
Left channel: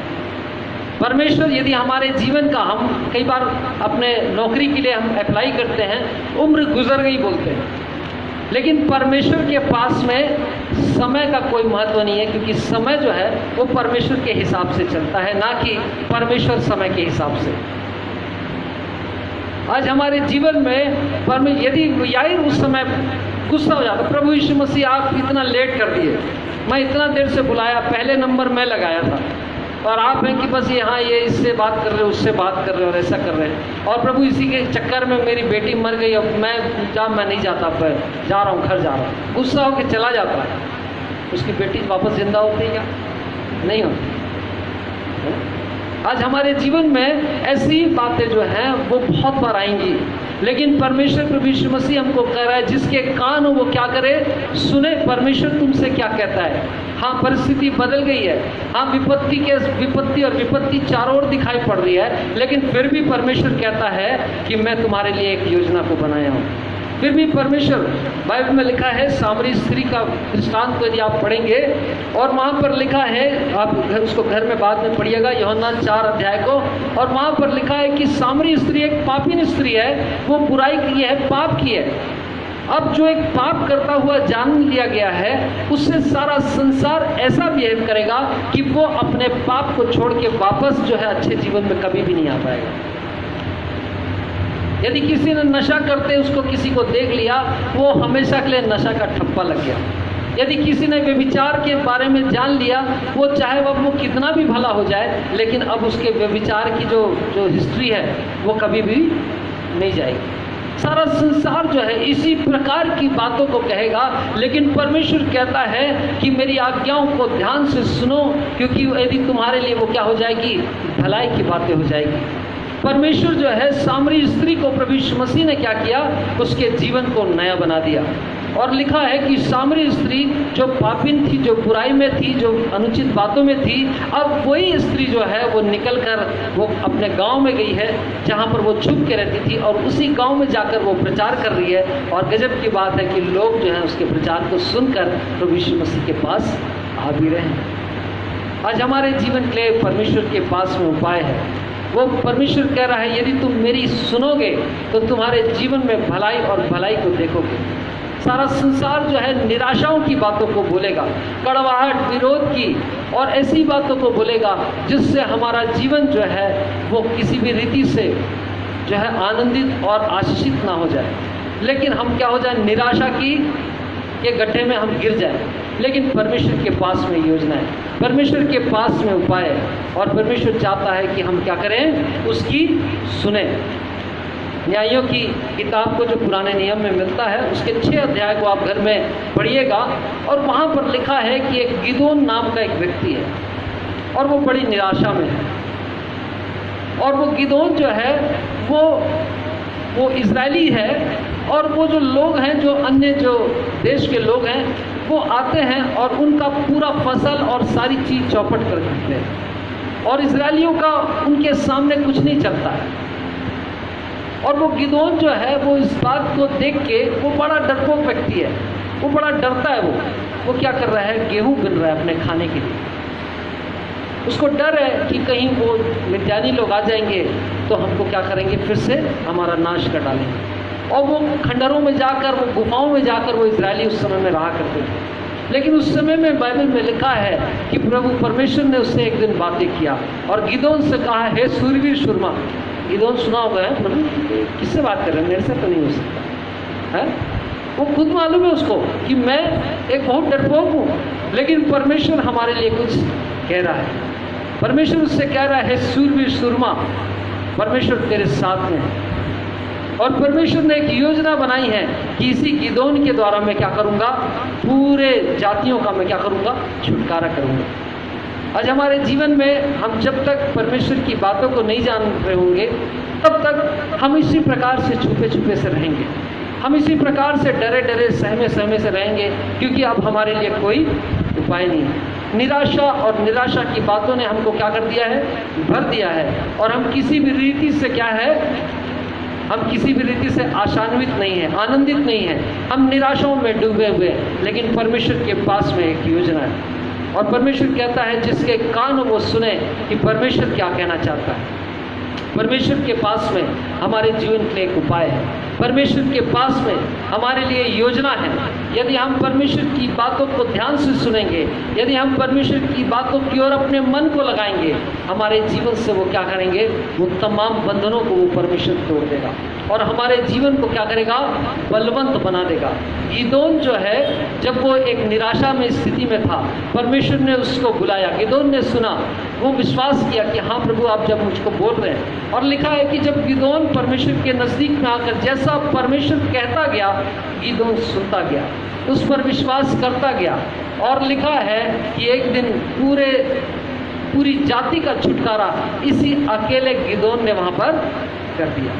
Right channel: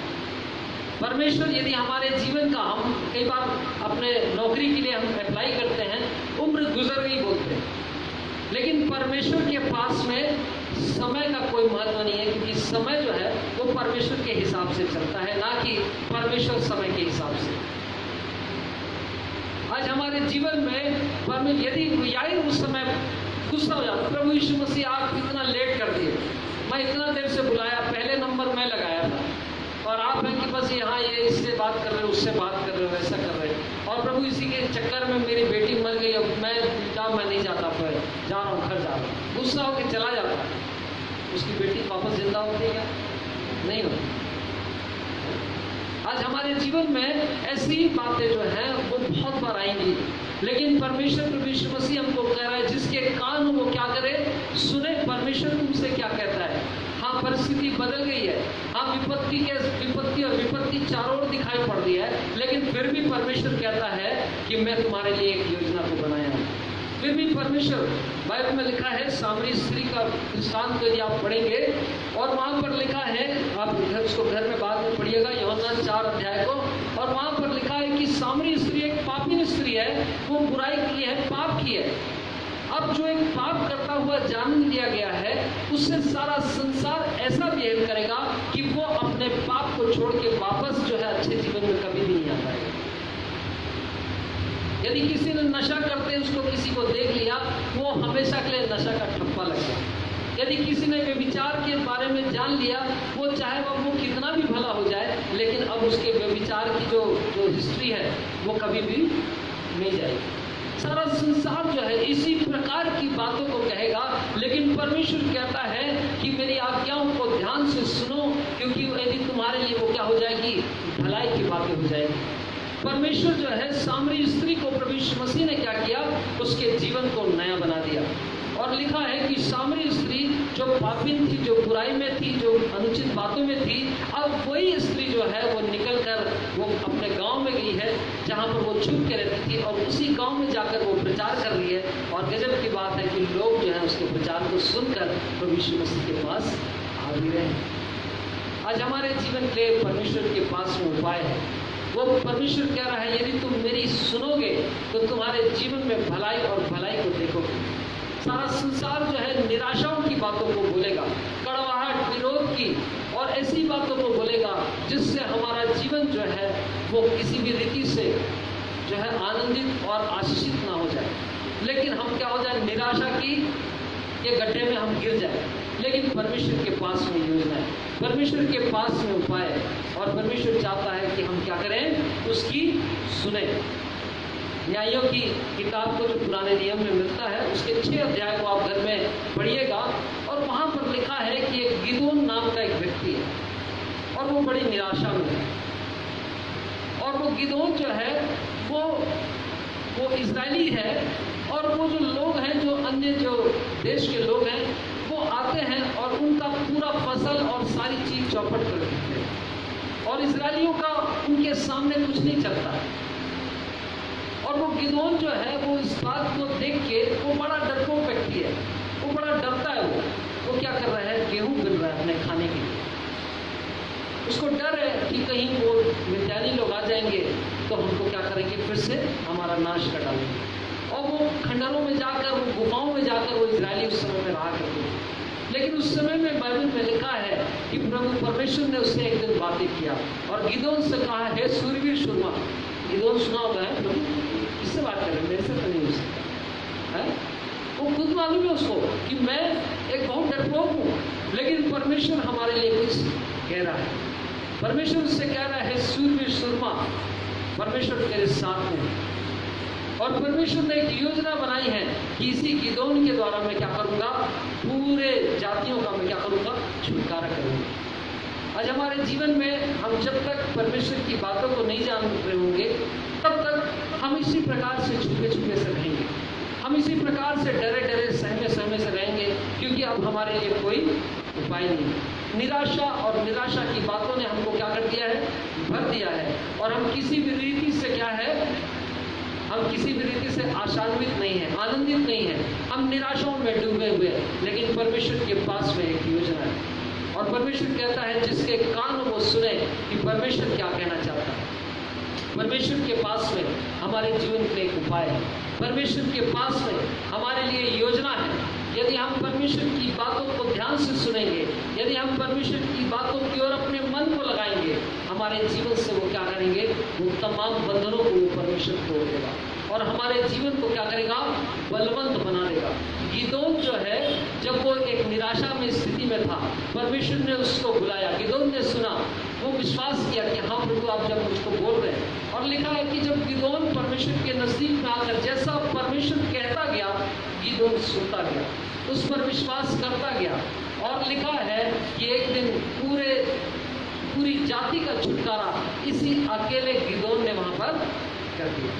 परमेश्वर यदि हमारे जीवन का, हम कई बार अपने नौकरी के लिए हम अप्लाई करते हैं, उम्र गुजर गई बोलते हैं, लेकिन परमेश्वर के पास में समय का कोई महत्व नहीं है, क्योंकि समय जो है वो परमेश्वर के हिसाब से चलता है, ना कि परमेश्वर समय के हिसाब से। आज हमारे जीवन में यदि यार उस समय गुस्सा हो जाता, प्रभु यीशु मसीह आप इतना लेट कर दिए, मैं इतना देर से बुलाया, पहले नंबर मैं लगाया था, और आप हैं कि बस यहाँ ये इससे बात कर रहे हो, उससे बात कर रहे हो और ऐसा कर रहे हैं, और प्रभु इसी के चक्कर में मेरी बेटी मर गई, अब मैं नहीं जाता, पर जा रहा हूँ, घर जा रहा हूँ। गुस्सा होकर चला जाता है, उसकी बेटी वापस जिंदा होती है क्या? नहीं होती। आज हमारे जीवन में ऐसी बातें जो हैं वो बहुत बार आएंगी, लेकिन परमेश्वर प्रभु यीशु मसीह हमको कह रहा है जिसके कान हो वो क्या करे, सुने परमेश्वर तुमसे क्या कहता है। हाँ, परिस्थिति बदल गई है, हाँ विपत्ति और विपत्ति चारों ओर दिखाई पड़ रही है, लेकिन फिर भी परमेश्वर कहता है कि मैं तुम्हारे लिए एक योजना को बनाया हूँ। फिर भी परमेश्वर, बाइबल में लिखा है, सामरी स्त्री का दृष्टांत को यदि आप पढ़ेंगे, और वहाँ पर लिखा है, आप उसको घर में बाद में पढ़िएगा, यूहन्ना 4 अध्याय को, और वहाँ पर लिखा है कि सामरी स्त्री एक पापीन स्त्री है, वो बुराई की है, पाप की है। अब जो एक पाप करता हुआ जान लिया गया है, उससे सारा संसार ऐसा बिहेव करेगा कि वो अपने पाप को छोड़ के वापस जो है अच्छे जीवन में कभी भी नहीं आ पाएगा। यदि किसी ने नशा करते उसको किसी को देख लिया, वो हमेशा के लिए नशा का ठप्पा लग गया। यदि किसी ने व्यभिचार के बारे में जान लिया, वो चाहे वो कितना भी भला हो जाए, लेकिन अब उसके व्यभिचार की जो हिस्ट्री है वो कभी भी नहीं जाएगी। सारा संसार जो है इसी प्रकार की बातों को कहेगा, लेकिन परमेश्वर कहता है कि मेरी आज्ञाओं को ध्यान से सुनो, क्योंकि यदि तुम्हारे लिए वो क्या हो जाएगी, भलाई की बातें हो जाएगी। परमेश्वर जो है सामरी स्त्री को प्रभु यीशु मसीह ने क्या किया, उसके जीवन को नया बना दिया। और लिखा है कि सामरी स्त्री जो पापिन थी, जो बुराई में थी, जो अनुचित बातों में थी, अब वही स्त्री जो है वो निकल कर वो अपने गांव में गई है जहां पर वो छुप के रहती थी, और उसी गांव में जाकर वो प्रचार कर रही है। और गजब की बात है कि लोग जो है उसके प्रचार को सुनकर प्रभु यीशु मसीह के पास आ भी रहे हैं। आज हमारे जीवन के लिए परमेश्वर के पास वो उपाय है। वो परमेश्वर कह रहा है यदि तुम मेरी सुनोगे तो तुम्हारे जीवन में भलाई और भलाई को देखोगे। सारा संसार जो है निराशाओं की बातों को बोलेगा, कड़वाहट, विरोध की और ऐसी बातों को बोलेगा जिससे हमारा जीवन जो है वो किसी भी रीति से जो है आनंदित और आशीषित ना हो जाए, लेकिन हम क्या हो जाए, निराशा की ये गड्ढे में हम गिर जाए। लेकिन परमेश्वर के पास में योजना है, परमेश्वर के पास में उपाय है, और परमेश्वर चाहता है कि हम क्या करें, उसकी सुने। न्यायों की किताब को जो पुराने नियम में मिलता है उसके 6 अध्याय को आप घर में पढ़िएगा, और वहाँ पर लिखा है कि एक गिदोन नाम का एक व्यक्ति है और वो बड़ी निराशा में है। और वो गिदोन जो है वो इजरायली है, और वो जो लोग हैं, जो अन्य जो देश के लोग हैं, वो आते हैं और उनका पूरा फसल और सारी चीज़ चौपट कर देते हैं, और इजरायलियों का उनके सामने कुछ नहीं चलता है। और वो गिदोन जो है वो इस बात को देख के वो बड़ा डरपोक व्यक्ति है, वो बड़ा डरता है। वो क्या कर रहा है, गेहूं बिन रहा है अपने खाने के लिए। उसको डर है कि कहीं वो मिद्यानी लोग आ जाएंगे तो हमको क्या करेंगे, फिर से हमारा नाश कर डालेंगे। और वो खंडरों में जाकर, वो गुफाओं में जाकर वो इजरायली उस समय में रहा करते थे। लेकिन उस समय में बाइबल में लिखा है कि प्रभु परमेश्वर ने उससे एक दिन बातें किया और गिदोन से कहा, हे सूरवीर शूरमा। गिदोन सुना होगा है, प्रभु किससे बात कर रहे हैं, मेरे से तो नहीं हो सकता है। वो खुद मालूम है उसको कि मैं एक बहुत डरपोक हूँ, लेकिन परमेश्वर हमारे लिए कुछ कह रहा है। परमेश्वर उससे कह रहा है, सूरवीर शूरमा, परमेश्वर तेरे साथ में है। और परमेश्वर ने एक योजना बनाई है कि इसी गिदोन के द्वारा मैं क्या करूँगा, पूरे जातियों का मैं क्या करूँगा, छुटकारा करूँगा। आज हमारे जीवन में हम जब तक परमेश्वर की बातों को नहीं जान रहे होंगे, तब तक हम इसी प्रकार से छुपे छुपे से रहेंगे। हम इसी प्रकार से डरे डरे सहमे सहमे से रहेंगे, क्योंकि अब हमारे लिए कोई उपाय नहीं है। निराशा और निराशा की बातों ने हमको क्या कर दिया है, भर दिया है, और हम किसी भी रीति से क्या है, हम किसी भी रीति से आशान्वित नहीं है, आनंदित नहीं है, हम निराशाओं में डूबे हुए हैं। लेकिन परमेश्वर के पास में एक योजना है, और परमेश्वर कहता है जिसके कान वो सुने कि परमेश्वर क्या कहना चाहता है। परमेश्वर के पास में हमारे जीवन के लिए एक उपाय है, परमेश्वर के पास में हमारे लिए योजना है। यदि हम परमेश्वर की बातों को ध्यान से सुनेंगे, यदि हम परमेश्वर की बातों की ओर अपने मन को लगाएंगे, हमारे जीवन से वो क्या करेंगे, वो तमाम बंधनों को वो परमेश्वर तोड़ देगा और हमारे जीवन को क्या करेगा, बलवंत बना देगा। गिदोन जो है, जब वो एक निराशा में स्थिति में था, परमेश्वर ने उसको बुलाया, गिदोन ने सुना, वो विश्वास किया कि हाँ प्रभु आप जब मुझको बोल रहे हैं। और लिखा है कि जब गिदोन परमेश्वर के नज़दीक में आकर जैसा परमेश्वर कहता गया, गिदोन सुनता गया, उस पर विश्वास करता गया, और लिखा है कि एक दिन पूरी जाति का छुटकारा इसी अकेले गिदोन ने वहाँ पर कर दिया।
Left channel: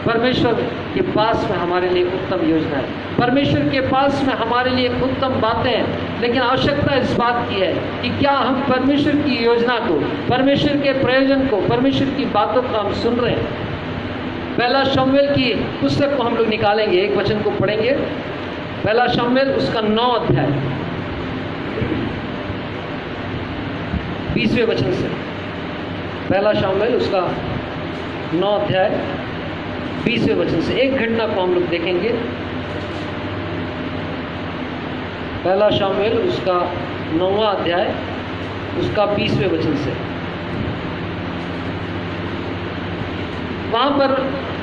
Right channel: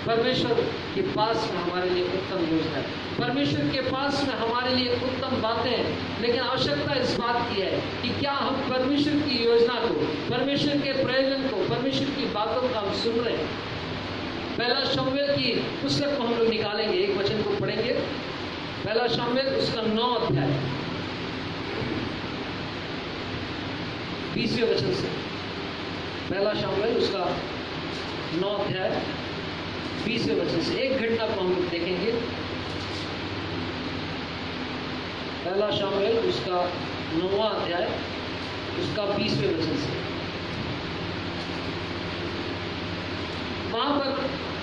परमेश्वर के पास में हमारे लिए उत्तम योजना है, परमेश्वर के पास में हमारे लिए उत्तम बातें हैं, लेकिन आवश्यकता इस बात की है कि क्या हम परमेश्वर की योजना को, परमेश्वर के प्रयोजन को, परमेश्वर की बातों को हम सुन रहे हैं। पहला शमूएल की पुस्तक को हम लोग निकालेंगे, एक वचन को पढ़ेंगे, पहला शमूएल उसका 9 अध्याय 20वें वचन से। पहला शमूएल उसका 9 अध्याय 20वें वचन से एक घटना को हम लोग देखेंगे। पहला शमूएल उसका 9वां अध्याय उसका 20वें वचन से। वहां पर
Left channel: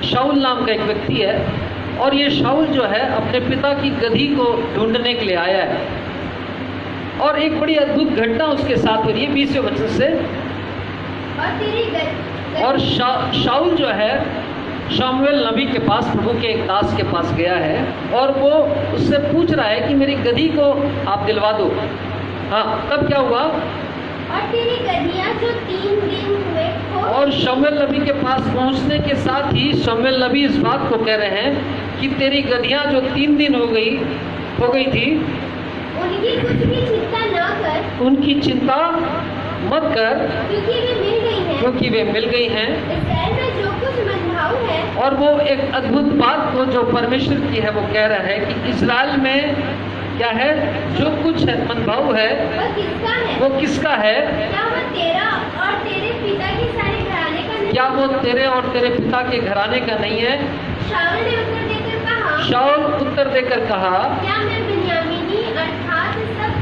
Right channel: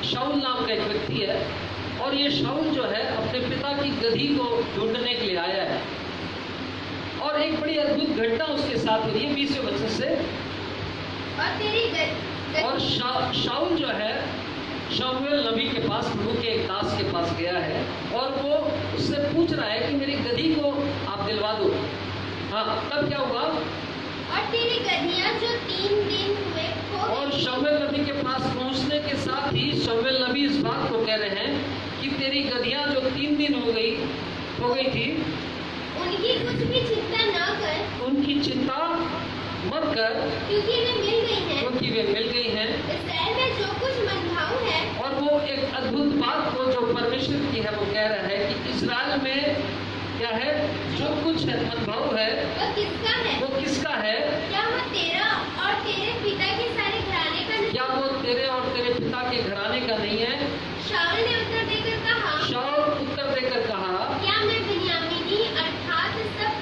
शाऊल नाम का एक व्यक्ति है, और ये शाऊल जो है अपने पिता की गधी को ढूंढने के लिए आया है, और एक बड़ी अद्भुत घटना उसके साथ हो रही है 20वें वचन से। और शाऊल जो है शमूएल नबी के पास, प्रभु के एक दास के पास गया है, और वो उससे पूछ रहा है कि मेरी गधी को आप दिलवा दो। हाँ, तब क्या हुआ, और तेरी गधियां जो 3 दिन हुए हो। और शमूएल नबी के पास पहुंचने के साथ ही शमूएल नबी इस बात को कह रहे हैं कि तेरी गधियां जो 3 दिन हो गई थी, उनकी कुछ भी चिंता न कर, उनकी चिंता मत कर, क्योंकि वे मिल गई हैं। इस्राएल में जो कुछ मनभाऊ है, और वो एक अद्भुत बात को जो परमेश्वर की है वो कह रहा है कि इस्राएल में क्या है, जो कुछ है मनभाऊ है, वो किसका है? क्या वो तेरा और तेरे पिता के सारे घराने का नहीं? क्या वो तेरे और तेरे पिता के घराने का नहीं है? शाऊल ने उत्तर देकर कहा, शाऊल उत्तर देकर कहा, क्या मैं बिन्यामीनी अर्थात सब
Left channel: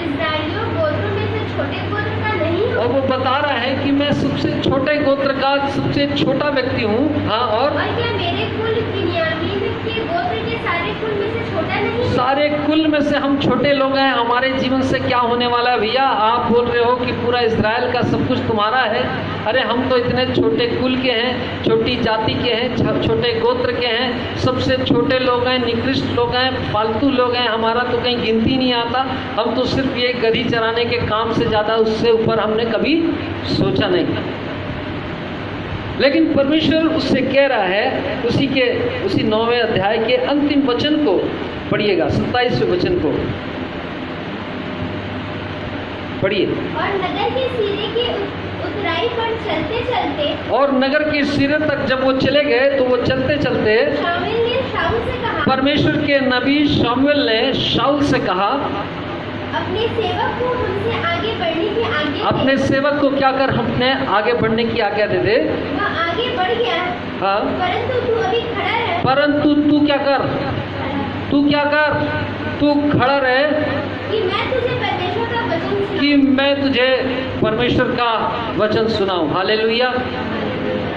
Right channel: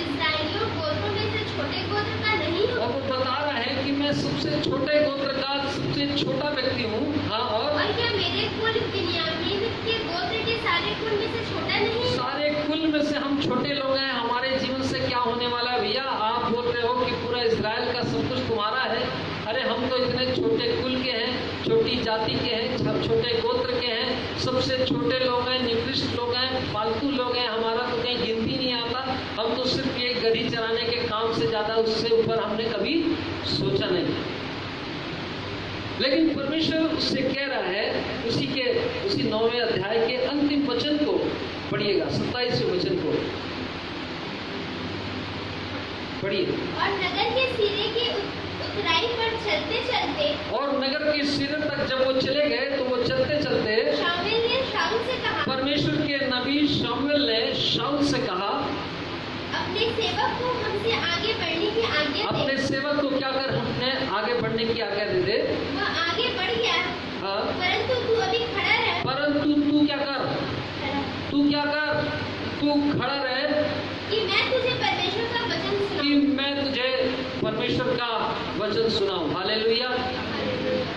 इस्राएलियों गोत्रों में से छोटे गोत्र का नहीं हूँ? और वो बता रहा है कि मैं सबसे छोटे गोत्र का सबसे छोटा व्यक्ति हूँ। हाँ, और क्या मेरे कुल बिन्यामीन के गोत्र के सारे कुल में से छोटा नहीं? सारे कुल में से हम छोटे लोग हैं। हमारे जीवन से क्या होने वाला है भैया? आप बोल रहे हो कि पूरा इजराइल का सब कुछ तुम्हारा है। अरे हम तो इतने छोटे कुल के हैं, छोटी जाति के हैं, छोटे गोत्र के हैं, सबसे छोटे लोग हैं, निकृष्ट लोग हैं, फालतू लोग हैं, हमारा तो कहीं गिनती नहीं आता। हम तो सिर्फ ये गधी चराने के काम से ज़्यादा उससे ऊपर हमने कभी सोचा नहीं। लेकिन परमेश्वर उससे कह रहा है, उसी 9वें अध्याय के अंतिम वचन को पढ़िएगा, 27वें वचन को पढ़िए। और नगर के सिरे के उतराई पर चलते चलते, और नगर के सिरे तक जब वो चले गए तो वो चलते चलते शमूएल ने शाऊल से कहा, परमेश्वर के नबी शमूएल ने शाऊल से कहा, अपने सेवक को हमसे आगे बढ़ने की आज्ञा दे। अपने सेवक को क्या कर, हमने आगे बढ़ने की आज्ञा दे दे। वह आगे बढ़ गया, हाँ, परंतु तू अभी खड़ा रह। परंतु तू क्या कर, तू क्या कर, तू खड़ा रहे कि मैं तुझे परमेश्वर का वचन सुनाऊं। कि मैं तुझे परमेश्वर का वचन सुनाऊं। हालेलुया।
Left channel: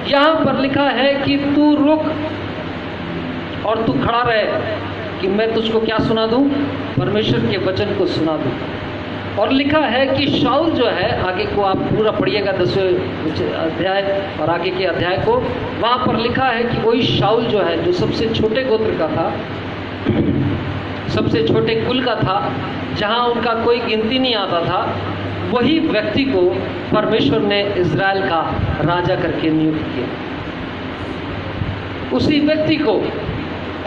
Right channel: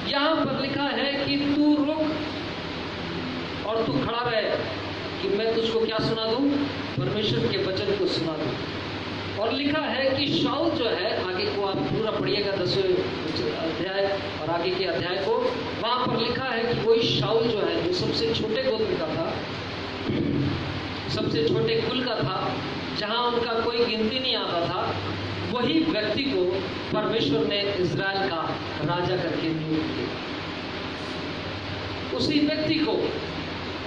यहाँ पर लिखा है कि तू रुक और तू खड़ा रहे कि मैं तुझको क्या सुना दूं, परमेश्वर के वचन को सुना दूं। और लिखा है कि शाऊल जो है, आगे को आप पूरा पढ़िएगा 10वें अध्याय और आगे के अध्याय को, वहाँ पर लिखा है कि वही शाऊल जो है, जो सबसे छोटे गोत्र का था, सबसे छोटे कुल का था, जहाँ उनका कोई गिनती नहीं आता था, वही व्यक्ति को परमेश्वर ने इजराइल का राजा करके नियुक्त किया। उसी व्यक्ति को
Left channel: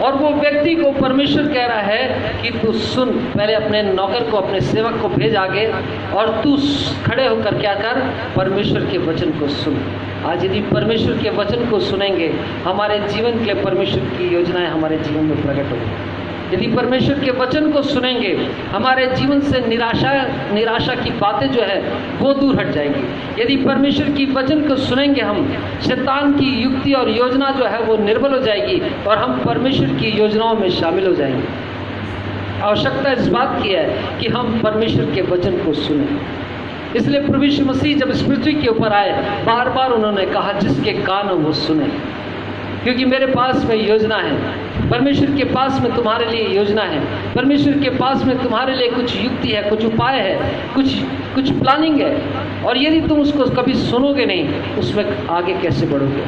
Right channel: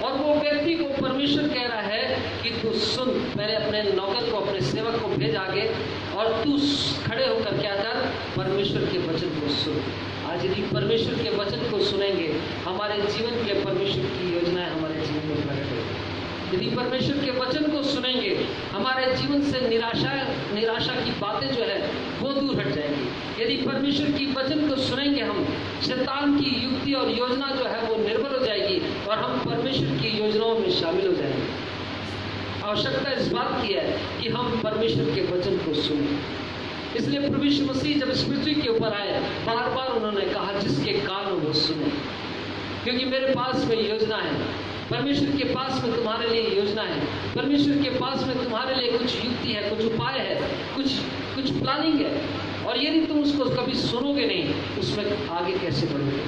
और वो व्यक्ति को परमेश्वर कह रहा है कि तू सुन, पहले अपने नौकर को, अपने सेवक को भेज आगे, और तू खड़े होकर क्या कर, परमेश्वर के वचन को सुन। आज यदि परमेश्वर के वचन को सुनेंगे, हमारे जीवन के लिए परमेश्वर की योजनाएं हमारे जीवन में प्रकट होंगी। यदि परमेश्वर के वचन को सुनेंगे, हमारे जीवन से निराशा की बातें जो है वो दूर हट जाएंगी। यदि परमेश्वर की वचन को सुनेंगे, हम शैतान की युक्ति और योजना जो है वो निर्बल हो जाएगी और हम परमेश्वर की योजनाओं में शामिल हो जाएंगे। आवश्यकता इस बात की है कि हम परमेश्वर के वचन को सुनें। इसलिए प्रभु यीशु मसीह जब इस पृथ्वी के ऊपर आए, बार बार उन्होंने कहा जिसके कान हो वो सुने, क्योंकि मेरे पास में योजना है। परमेश्वर के पास में तुम्हारे लिए योजना है। परमेश्वर के पास में तुम्हारे लिए कुछ युक्ति है, कुछ उपाय है, कुछ प्लानिंग है। और यदि तुम उसको कभी सुनोगे नहीं, उसमें आगे कैसे बढ़ोगे?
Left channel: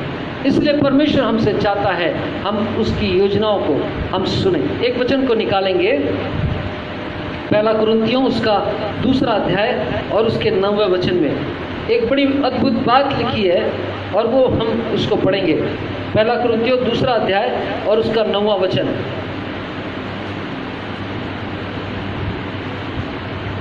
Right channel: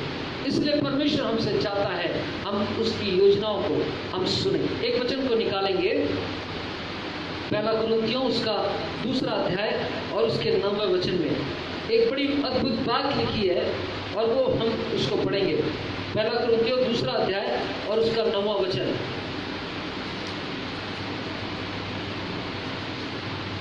इसलिए परमेश्वर हमसे चाहता है हम उसकी योजनाओं को हम सुने। एक वचन को निकालेंगे, पहला कुरिन्थियों उसका 2 अध्याय और उसके 9वें वचन में एक बड़ी अद्भुत बात लिखी है और वो हम उसको पढ़ेंगे। पहला कुरिन्थियों 2 अध्याय और उसका 9वां वचन।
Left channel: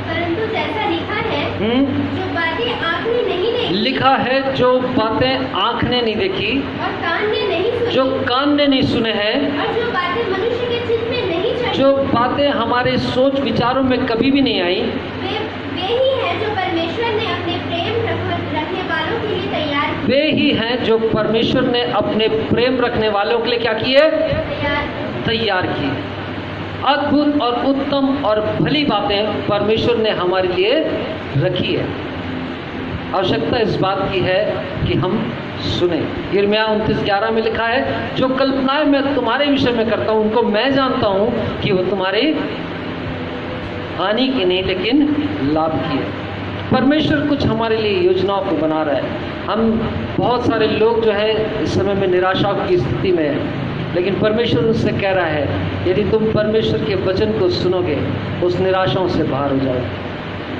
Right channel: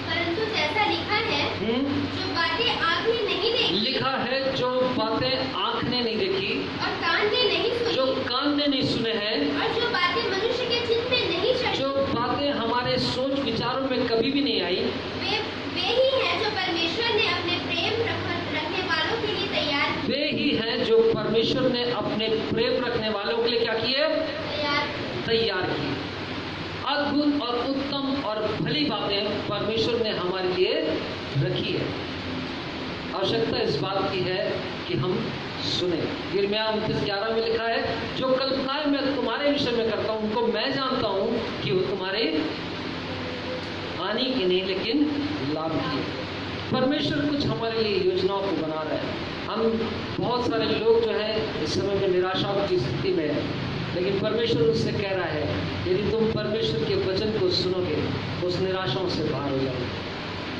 परंतु जैसा लिखा है, जो बातें आँख ने नहीं देखी, लिखा है जो बातें आँख ने नहीं देखी और कान ने नहीं सुनी, जो कान ने नहीं सुने हैं, और जो बातें मनुष्य के चित्त में नहीं चढ़ी, जो बातें हमारे सोच विचारों में कभी भी नहीं आई, वे ही हैं जो परमेश्वर ने अपने प्रेम रखने वालों के लिए तैयार किए। वे ही हैं जो परमेश्वर ने अपने प्रेम रखने वालों के लिए क्या किए? तैयार किए। अद्भुत और उत्तम और भली बातें परमेश्वर ने हमारे लिए रखी है। आवश्यकता इस बात की है कि हम सुने। यिर्मयाह 29:11 में लिखा है, जो कल्पनाएं मैं तुम्हारे विषय में करता हूं उनको मैं जानता हूं कि वो तुम्हारी हानि की नहीं लेकिन लाभ की है। परमेश्वर कुछ हमारे लिए योजनाओं को बना रहा है। हम बहुत सारे लोग जो है इस समय में निराशा की स्थिति में है, लेकिन परमेश्वर उससे कह रहा है यदि तुम परमेश्वर के वचन को सुनोगे उस निराशाओं से बाहर हो जाओगे।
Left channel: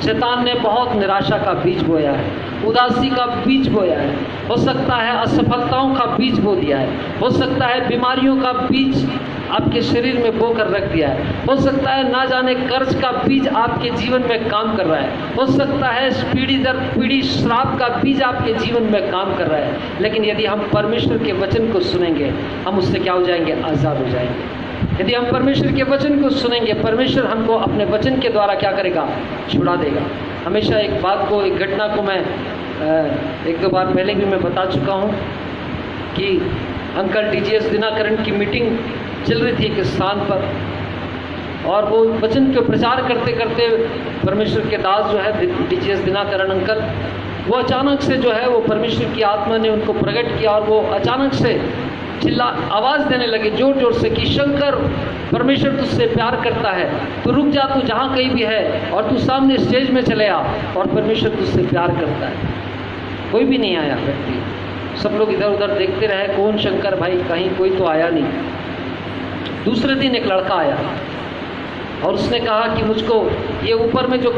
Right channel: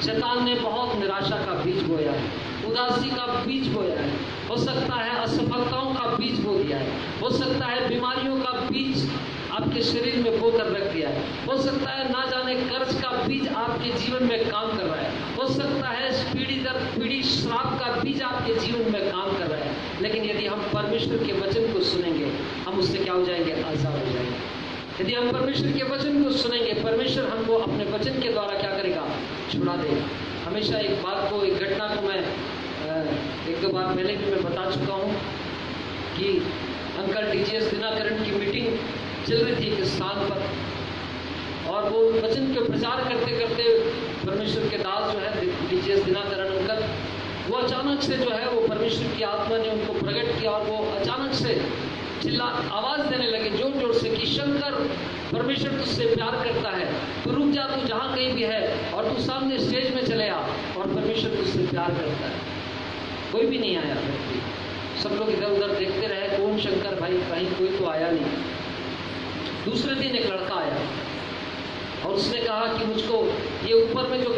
शैतान ने बहुत निराशा का बीज बोया है, उदासी का बीज बोया है, हो सकता है असफलताओं का बीज बो दिया है, हो सकता है बीमारियों का बीज आपके शरीर में बोकर रख दिया है, हो सकता है ना जाने कर्ज का बीज आपके जीवन में काम कर रहा है, हो सकता है पीढ़ी दर पीढ़ी श्राप का बीज आपके जीवन में काम कर रहा है। लेकिन यदि हम परमेश्वर के वचन को सुनेंगे, हम उससे क्या हो जाएंगे? आज़ाद हो जाएंगे। यदि हम परमेश्वर के वचन को सुनेंगे, परमेश्वर हमको अपने वचन के द्वारा क्या करेगा? छुड़ा देगा। हमेशा एक बात को, एक घटना को मैं 1-2 बार पहले भी मैं बता चुका हूँ कि अंकल टीजीएस दिनाकरण की मीटिंग चल रही थी एक स्थान पर, और वो वचन के प्रचार करते करते परमेश्वर के दास जो है टीजीएस दिनाकरण अंकल, वो अचानक से जो है वो परमेश्वर की आत्मा ने उनको प्रकट किया और वो अचानक से आवाज़ देने लगे जोर जोर से कि शंकर, परमेश्वर तुझसे प्यार करता है, तू रुक जा, तू जहाँ कहीं भी है और तू सामने स्टेज में चले आ, और परमेश्वर तुझसे प्यार करता है। कोई भी नहीं आया व्यक्ति, सब लोग इधर उधर देखते रहे, कौन शंकर भाई, कहीं कोई तो आया नहीं। दूसरे दिन एक लड़का आया और उसने कहा कि मुझको ये ऊपर में जो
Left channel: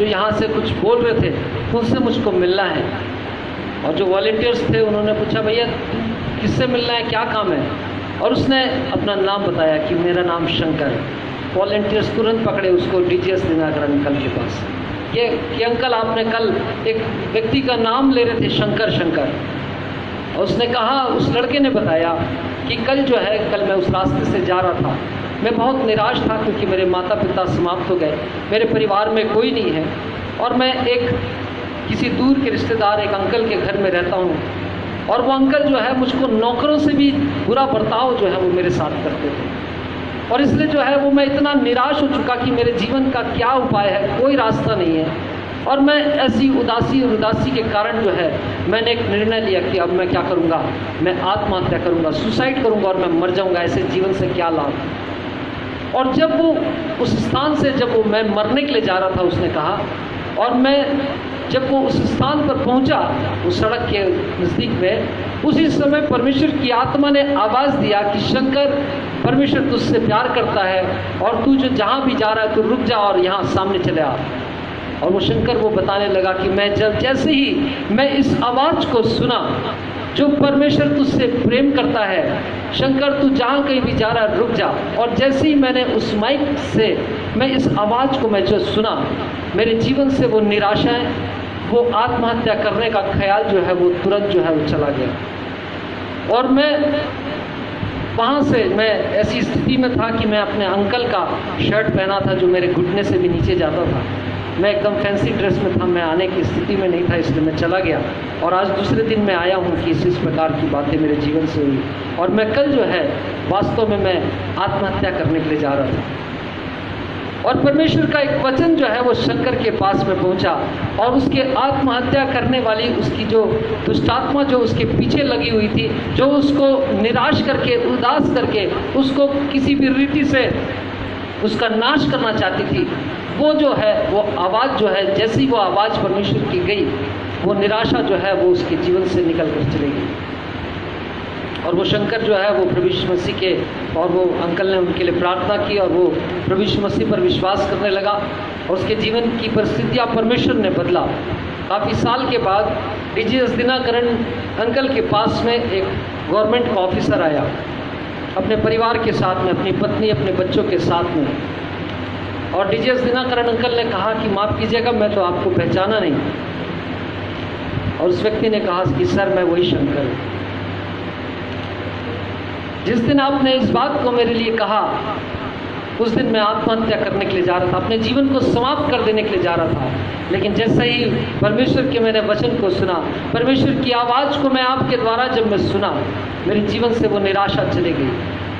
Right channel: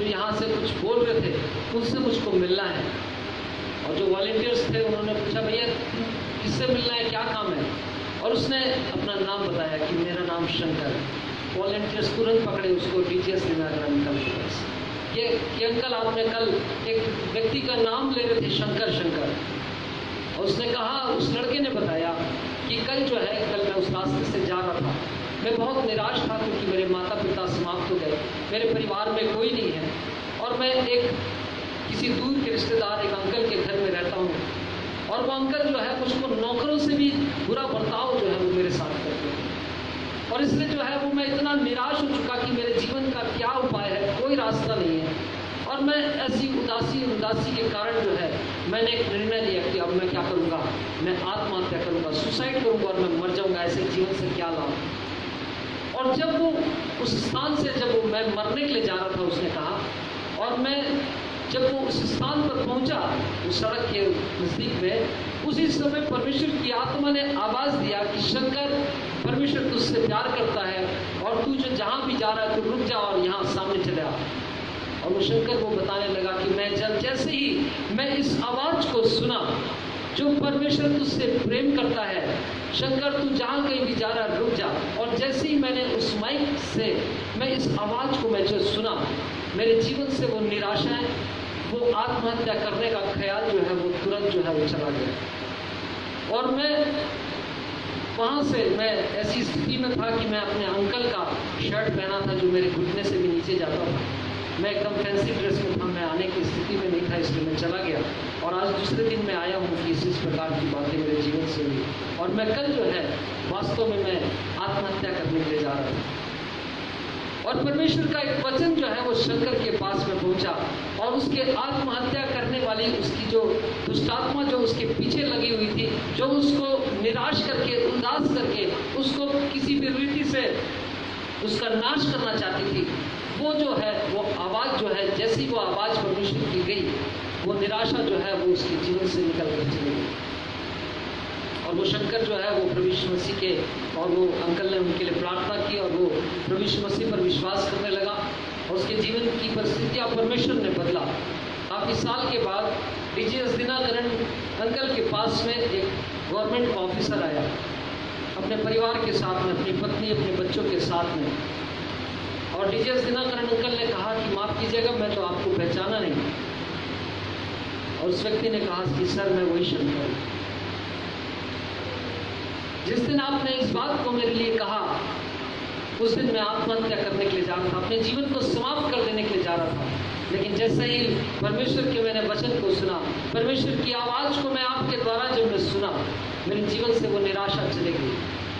यहाँ से कुछ बोल रहे थे उनसे मुझको मिलना है। और जो वॉलंटियर्स थे उन्होंने पूछा, भैया किससे मिलना है, क्या काम है? और उसने अपना नाम बताया कि मेरा नाम शंकर है। वॉलंटियर्स तुरंत पकड़े उसको टीजीएस दिनाकरण अंकल के पास कि अंकल आपने कल एक व्यक्ति का नाम ले रहे थे शंकर शंकर। और उसने कहा, उस लड़के ने बताया कि कल जो है, कल मैं उस रास्ते से जा रहा था, मैं बहुत निराश था क्योंकि मेरे माता पिता समाप्त हो गए, मेरे परिवार में कोई नहीं है, और मैं किसी दूर के रिश्तेदार एक अंकल के घर में रहता हूँ, और वो अंकल जो है मुझको नौकरों से भी बुरा बर्ताव जो है वो मेरे साथ करते थे, और इसलिए जो है वो मैं इतना निराश हो चुका कि मेरे जीवन का क्या उपाय है, कोई रास्ता नहीं है। और मैं ऐसी उदासी के कारण जो है मैंने एक निर्णय लिया कि अब मैं क्या करूँगा, मैं आत्महत्या करूँगा, सुसाइड करूँगा और मैं मर जाऊँगा, ऐसे जीवन से क्या लाभ। और जब वो उस स्थान से जब वो मैं मरने के लिए जा रहा था, उसने कहा, और मैं जब वो उस स्थान पर पहुंचा, उस सड़क के नज़दीक में, उसी समय परमेश्वर की आत्मा ने आवाज़ दिया कि शंकर, परमेश्वर तुझसे प्यार करता है और तू जो जहाँ भी जा रहा है तू रुक जा और यहाँ सामने चले आ। और वो शंकर वो बताने लगा कि मैं जैसे ही मैं इस आवाज़ को सुना, जो परमेश्वर तुझसे प्रेम करता है, शंकर तू जहाँ कहीं भी जा रहा है रुक जा। और जैसे ही मैंने उस माइक से मैं इस आवाज़ को मैं जो सुना, मेरे जीवन से वो निराशाएं, वो आत्महत्या करने का ख्याल जो है वो तुरंत जो है वो चला गया। और मैं वहाँ से मैं ऐसी स्थिति में था कि मैं अपने अंकल का शर्ट पहना था जो मेरे घुटने से भी नीचे जाता था। मैं एकदम फैंसी ड्रेस में था, मैं आने की स्थिति में नहीं था, इसलिए मैं चला गया। और आज दूसरे दिन मैं आया हूँ कि इस प्रकार की बातें मेरे जीवन से हुई। और मैं कल जो है वास्तव में मैं आत्महत्या करने के लिए जा रहा था। और परमेश्वर का एक वचन जो है वो शंकर के पास में पहुंचा और उसके आत्महत्या करने वाली उसकी जो दुष्टात्मा जो उसके पीछे लगी हुई थी, जो उसको निराश करके, उदास करके, उसको किसी भी रीति से उसका नाश करना चाहती थी, वो जो है वो आवाज़ जो है, जैसी वो आवाज़ परमेश्वर की गई, वो निराशा जो है वो उसके जीवन से निकल कर चली गई। और वो शंकर जो है वो प्रभु यीशु मसीह के, और वो अंकल ने उनके लिए प्रार्थना की और वो प्रभु यीशु मसीह पर विश्वास करने लगा और उसके जीवन की परिस्थितियाँ परमेश्वर ने बदला। काफ़ी साल के बाद डीजीएस दिनाकरण अंकल के पास में एक गवर्नमेंट का ऑफिसर आया अपने परिवार के साथ में, अपनी पत्नी, अपने बच्चों के साथ में। और डीजीएस दिनाकरण अंकल ने कहा कि माफ़ कीजिएगा, मैं तो आपको पहचाना नहीं। और उस व्यक्ति ने कहा कि सर मैं वही शंकर हूँ। जिस दिन आपने इस बात को मेरे लिए कहा, उस दिन मैं आत्महत्या करने के लिए जा रहा था, अपने जीवन को समाप्त कर देने के लिए जा रहा था। लेकिन जैसे ही परमेश्वर के मैंने वचन को सुना, परमेश्वर की आवाज़ को मैं आपके द्वारा जब मैं सुना, मेरे जीवन से वो निराशा चली गई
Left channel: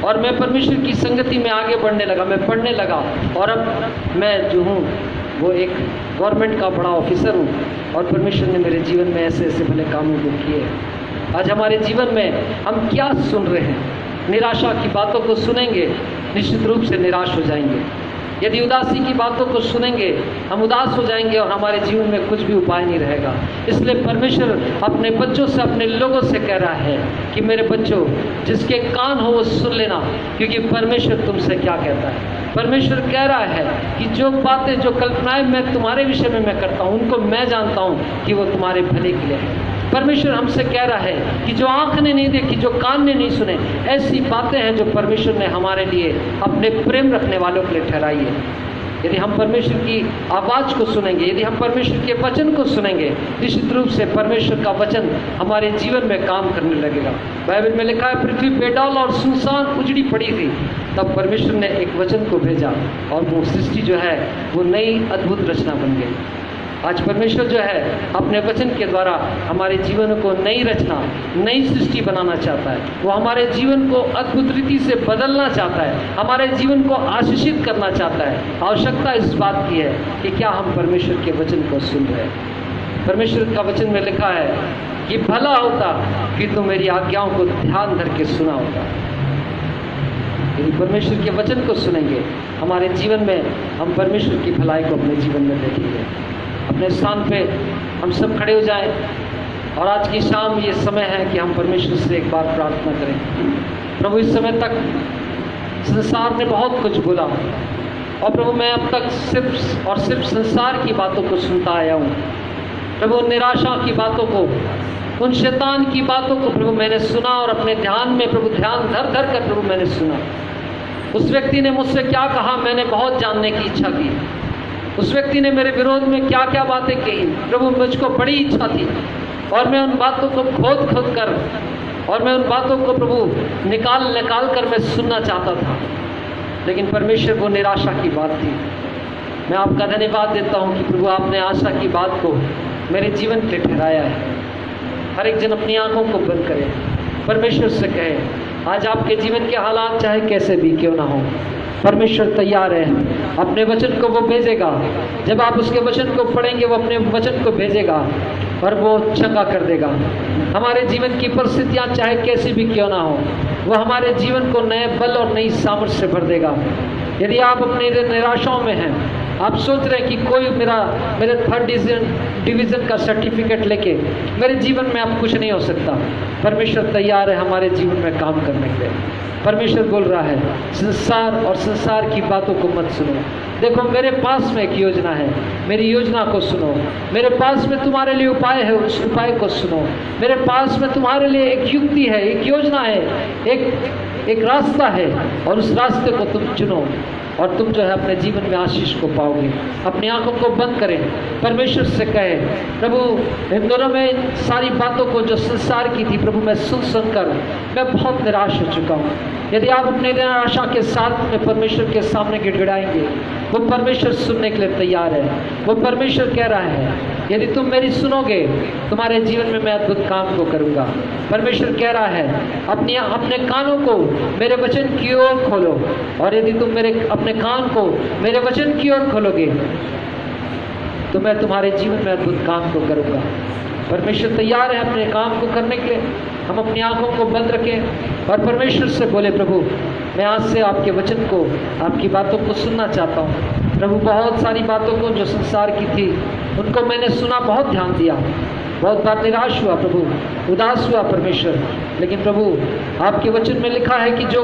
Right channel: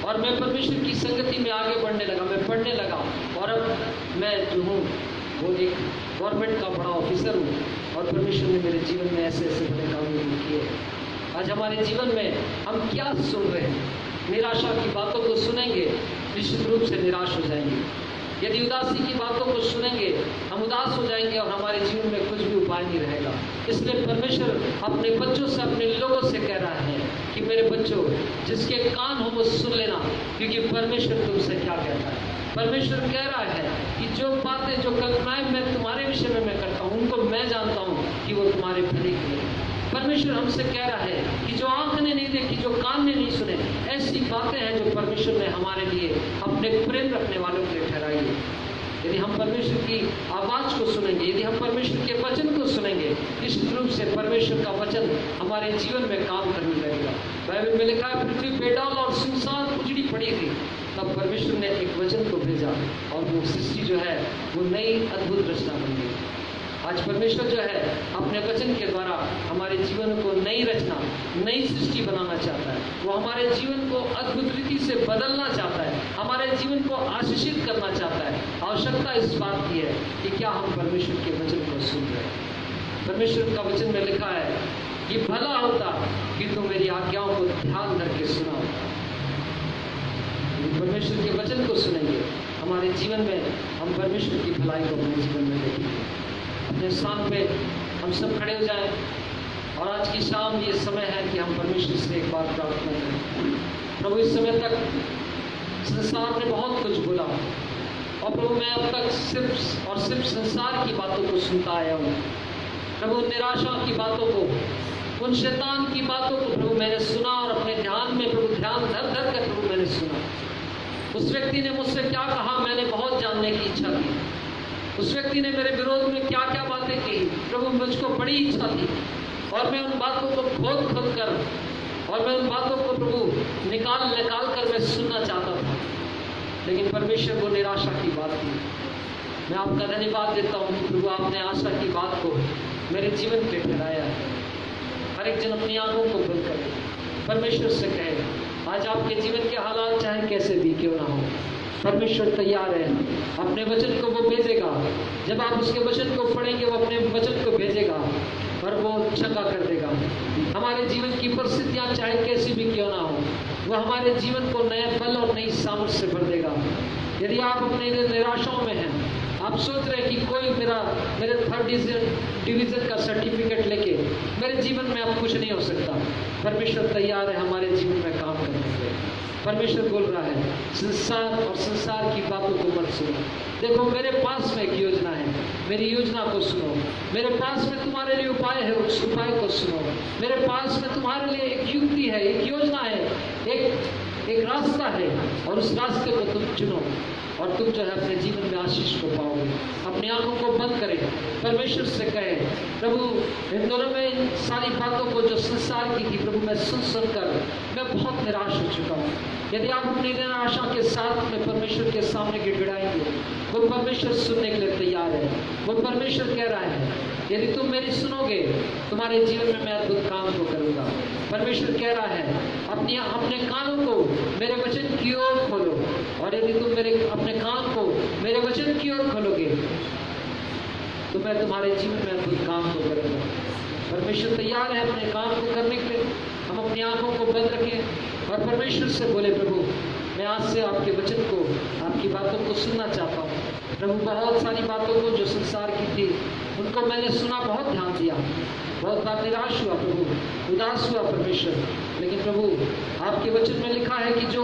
और मैं परमेश्वर की संगति में आगे बढ़ने लगा, मैं पढ़ने लगा। और अब मैं जो हूँ वो एक गवर्नमेंट का बड़ा ऑफिसर हूँ और परमेश्वर ने मेरे जीवन में ऐसे ऐसे भले कामों को किए। आज हमारे जीवन में हम क्या सुन रहे हैं? निराशा की बातों को सुनेंगे, निश्चित रूप से निराश हो जाएंगे। यदि उदासी की बातों को सुनेंगे, हम उदास हो जाएंगे और हमारे जीवन में कुछ भी उपाय नहीं रहेगा। इसलिए परमेश्वर अपने बच्चों से, अपने लोगों से कह रहा है कि मेरे बच्चों, जिसके कान हो वो सुन लेना, क्योंकि परमेश्वर तुमसे क्या कहता है। परमेश्वर कह रहा है कि जो बातें, जो कल्पनाएं मैं तुम्हारे विषय में मैं करता हूँ, उनको मैं जानता हूँ कि वो तुम्हारे भले के लिए है। परमेश्वर हमसे कह रहा है कि जो आँख ने नहीं देखी, जो कान ने नहीं सुने, ऐसी बातें हैं जो परमेश्वर ने हमारे लिए, अपने प्रेम रखने वालों के लिए ठहराई है। यदि हम परमेश्वर की आवाज़ को सुनेंगे, यदि हम परमेश्वर के वचन को सुनेंगे, निश्चित रूप से परमेश्वर का वचन हमारे जीवन में काम करने लगेगा। बाइबल में लिखा है, पृथ्वी बेडौल और सुनसान उजड़ी पड़ी थी, तब परमेश्वर ने एक वचन को भेजा और वो सृष्टि जो है वो नई अद्भुत रचना बन गई। आज परमेश्वर जो है अपने वचन के द्वारा हमारे जीवन को नई रचना, नई सृष्टि बनाना चाहता है। वो हमारे जीवन को अद्भुत रीति से बदलना चाहता है, हमारे जीवन को आशीषित करना चाहता है। आवश्यकता इस बात की है कि क्या हम परमेश्वर के वचन को सुन रहे हैं। परमेश्वर का वचन में लिखा है कि भला होता कि तुम मेरी आज्ञाओं को ध्यान धर के सुना होता। यदि परमेश्वर के वचन को सुनेंगे, हमारे जीवन में हम परमेश्वर की भलाई को अपने जीवन में देखेंगे। अपने स्थान पे हम सब खड़े हो जाएं और आज की शाम ये समय है कि हम परमेश्वर से एक बार प्रार्थना करें। प्रभु, इस समय तक संसार ने बहुत कुछ बोला और प्रभु मैं अब तक सिर्फ और सिर्फ संसार की बातों को सुनता आया हूँ। प्रभु निराशा की बातों को, उन शैतान की बातों को प्रभु मैंने सुना और अपने ध्यान में प्रभु ध्यान धर धर कर प्रभु मैंने सुना। उस व्यक्ति ने मुझसे क्या कहा, मैंने बहुत जानने की इच्छा की। उस व्यक्ति ने मेरे विरोध में क्या क्या बातें कही, प्रभु मुझको बड़ी इच्छा थी और मैं उन बातों को खोद खोद कर और मैं उन बातों को प्रभु निकाल कर मैं सुनना चाहता था। लेकिन परमेश्वर वो निराशा की बात थी। मैं आपका धन्यवाद देता हूँ कि प्रभु आपने आशा की बात को मेरे जीवन के लिए ठहराया है। हर एक जन अपनी आंखों को बंद करे, परमेश्वर से कहे, आज आपके जीवन के हालात चाहे कैसे भी क्यों ना हो, परमेश्वर तैयार है, अपने वचन को वो भेजेगा। जब आप उसके वचन को पढ़ेंगे, वो अपने वचन को भेजेगा और वो चंगा कर देगा। हमारे जीवन की परिस्थितियाँ चाहे कैसी भी क्यों ना हो, वो हमारे जीवन को नए बल और नई सामर्थ्य से भर देगा। यदि आप अपने निराशाओं में हैं, आप सोच रहे हैं कि कोई मेरे थर्ड डिवीज़न का सर्टिफिकेट लेके मेरे जीवन में अब कुछ नहीं हो सकता, परमेश्वर तैयार है हमारे जीवन में काम करने के लिए। परमेश्वर बोल रहा है संसार और संसार की बातों को मत सुनो। देखो मेरे पास में एक योजना है, मेरी योजना को सुनो। मेरे पास में तुम्हारे लिए उपाय है, उस उपाय को सुनो। मेरे पास में तुम्हारे लिए एक युक्ति है, एक योजना है, एक रास्ता है, और उस रास्ते को तुम चुनो और तुम जो है अपने जीवन में आशीष को पाओगे। अपनी आंखों को बंद करें, परमेश्वर से कहें प्रभु इन दोनों में इन सारी बातों को जो संसार की थी प्रभु मैं सुनकर मैं बहुत निराश हो चुका हूँ। यदि आप अपनी निराशा के साथ में परमेश्वर के सामने गिड़गिड़ाएंगे, वो परमेश्वर सुनने के लिए तैयार है। वो परमेश्वर कह रहा है यदि तुम मेरी सुनोगे तुम्हारे जीवन में मैं अद्भुत काम को करूँगा। परमेश्वर कह रहा है अपने कानों को मेरे वचन की ओर खोलो, और यदि तुम अपने कान को मेरे वचन की ओर खोलोगे तो मैं तुम्हारे जीवन में अद्भुत काम को करूँगा। परमेश्वर तैयार है अपने काम को करने के लिए। हम अपनी आंखों को बंद रखें और परमेश्वर से बोले प्रभु मैं आज से आपके वचन को, आपकी बातों को सुनना चाहता हूँ। प्रभु बहुत सारी बातों को जो संसार की थी उनको मैंने सुना, बहुत ध्यान दिया, बहुत बार निराश हुआ प्रभु, उदास हुआ परमेश्वर। लेकिन प्रभु आपके वचन में लिखा है कि जो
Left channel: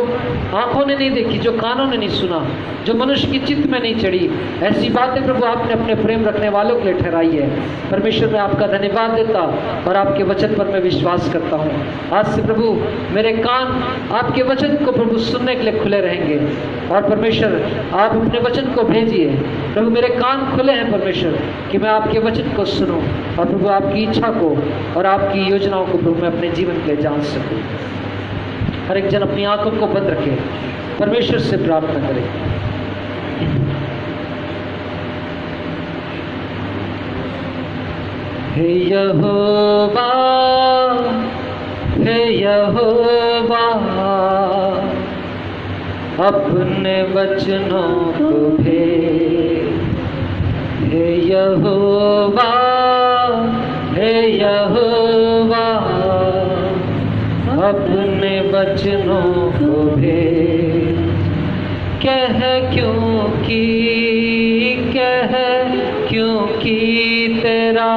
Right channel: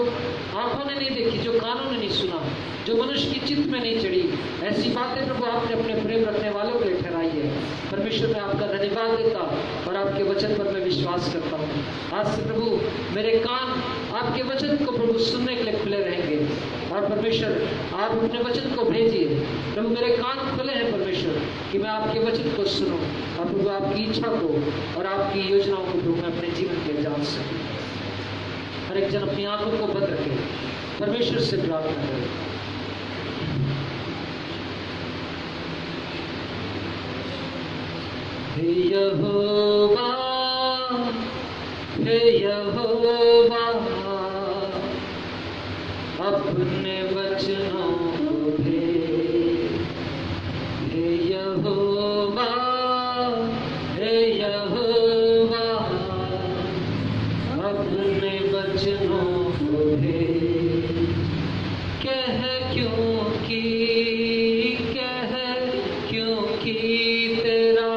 आंखों ने नहीं देखी, जो कानों ने नहीं सुना, जो मनुष्य की चित्त में नहीं चढ़ी, ऐसी बातें प्रभु आपने अपने प्रेम रखने वालों के लिए ठहराई है। परमेश्वर मैं आपका धन्यवाद देता और आपके वचन पर मैं विश्वास करता हूँ। आज से प्रभु मेरे कान आपके वचन को प्रभु सुनने के लिए खुले रहेंगे, और परमेश्वर आप अपने वचन को भेजिए। प्रभु मेरे कान खुले हैं परमेश्वर कि मैं आपके वचन को सुनूं, और प्रभु आपकी इच्छा को और आपकी योजनाओं को प्रभु मैं अपने जीवन के लिए जान सकूं। हर एक जन अपनी आंखों को बंद रखे, परमेश्वर से प्रार्थना करें। हे यहोवा, हे यहोवा, अपने वचनों को भेज। हे यहोवा, हे यहोवा, अपने वचनों को भेज। कह क्योंकि तेरा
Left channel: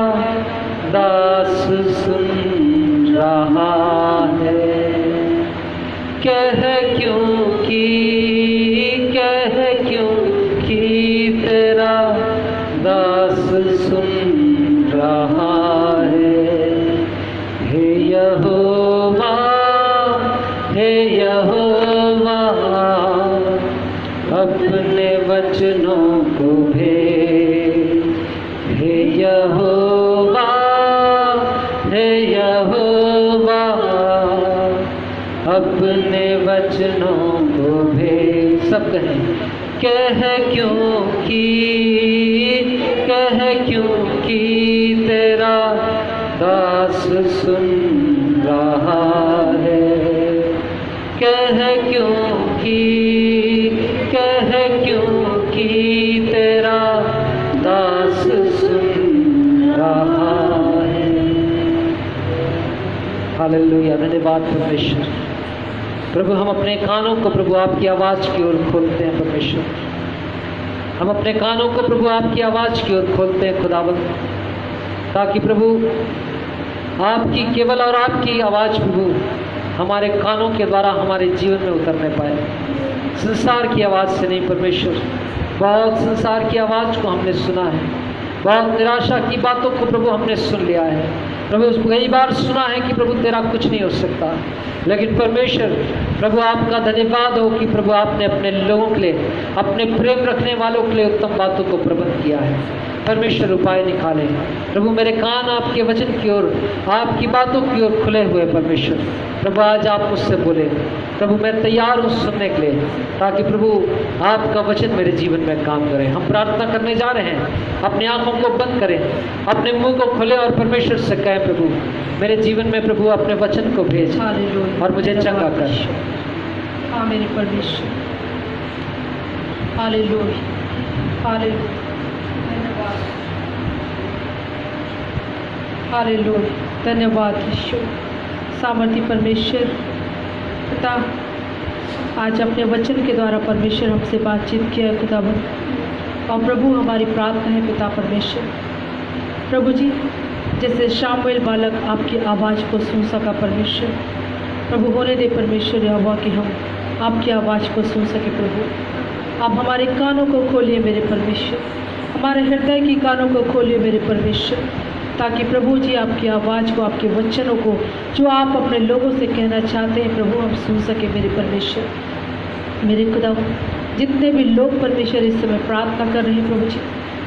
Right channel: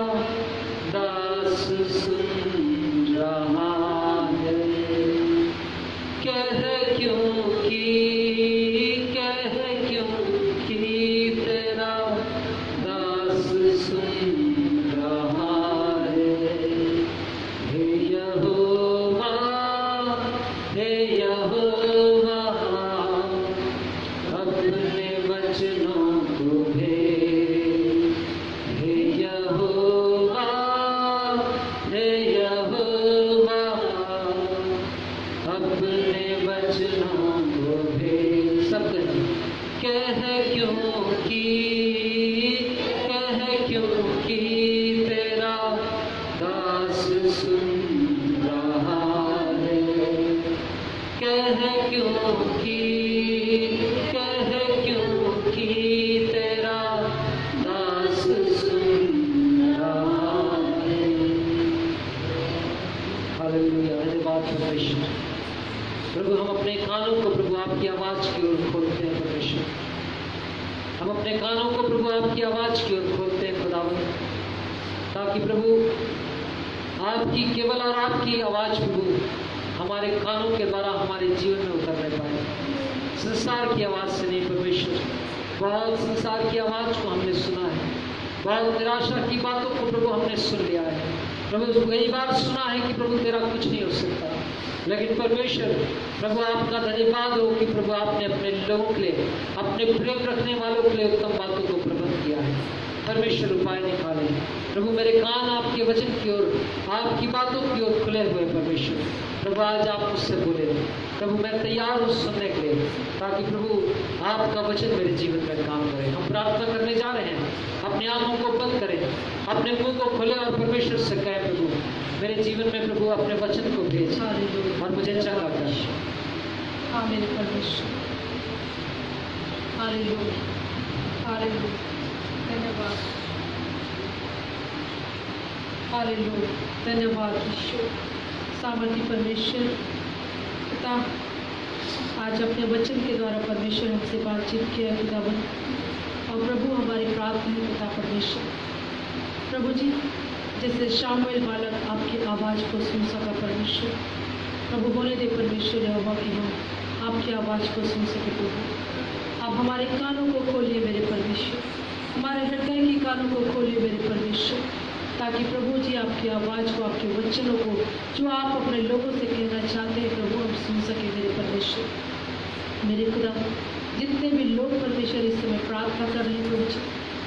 दास सुन रहा है। कह क्योंकि तेरा दास सुन रहा है। हे यहोवा, हे यहोवा, अपने वचनों को भेज। हे यहोवा, हे यहोवा, अपने वचनों को भेज। सब कह क्योंकि तेरा दास सुन रहा है। कह क्योंकि तेरा दास सुन रहा है। हालेलुया, धन्यवाद परमेश्वर। प्रभु हम अपने कानों को प्रभु आपकी आवाज़ की ओर खोलते हैं परमेश्वर। हम अपने कानों को प्रभु आपकी आवाज़ की ओर खोलते हैं खुदावंद, ताकि प्रभु आपकी केवल और आपकी आवाज़ प्रभु हमारे कानों के द्वारा हमारे जीवन में उतरने पाए। संसार की आवाज़ से नहीं परमेश्वर। बहुत संसार की आवाज़ को हमने सुना है, बहुत निराशा की बातों को प्रभु हमने सुन लिया है प्रभु। कई बार सुना है कि प्रभु तेरा कुछ नहीं हो सकता, लेकिन परमेश्वर प्रभु आपका धन्यवाद हो कि प्रभु आपने अपने लोगों के लिए, अपने प्रेम रखने वालों के लिए उत्तम बातों को प्रबंध किया है। परमेश्वर उपाय निकाले प्रभु। मेरे कान आपके वचन की ओर, आपकी बातों की ओर खुले हुए परमेश्वर। प्रभु आज आप मुझसे बोले प्रभु, मैं तैयार हूँ सुनने के लिए, ताकि प्रभु आपका वचन मेरे जीवन में काम करे। हम प्रार्थना करने जा रहे हैं, अपनी आंखों को बंद करें, अपने मुंह को खोले और परमेश्वर से कहें प्रभु मेरे जीवन में प्रभु अपने वचन को भेज और मुझे चंगा कर। हाँ मेरे परमेश्वर, हालेलुया, हालेलुया, धन्यवाद, हालेलुया, धन्यवाद यीशु। सामर्थी परमेश्वर पिता, आज अपने वचन के द्वारा परमेश्वर हमसे बातचीत किया है खुदावंद, और प्रभु हमारी प्रार्थना है पिता परमेश्वर प्रभु जी, जैसे शामुएल बालक आपकी आवाज़ को सुन सका परमेश्वर, प्रभु होने दे परमेश्वर यहोवा कि हम आपकी आवाज़ को सुन सके प्रभु। आप हमारे कानों को खोलिए मेरे परमेश्वर, हमारे हृदय की कानों को खोलिए मेरे परमेश्वर, ताकि प्रभु जी आपकी आवाज़ को, आपके वचनों को जो आप अपने लोगों से कहना चाहते हैं प्रभु, हम सुन सके मेरे परमेश्वर। मेरे खुदा, जितने भी लोग परमेश्वर इस समय प्रार्थना कर रहे हैं प्रभु जी,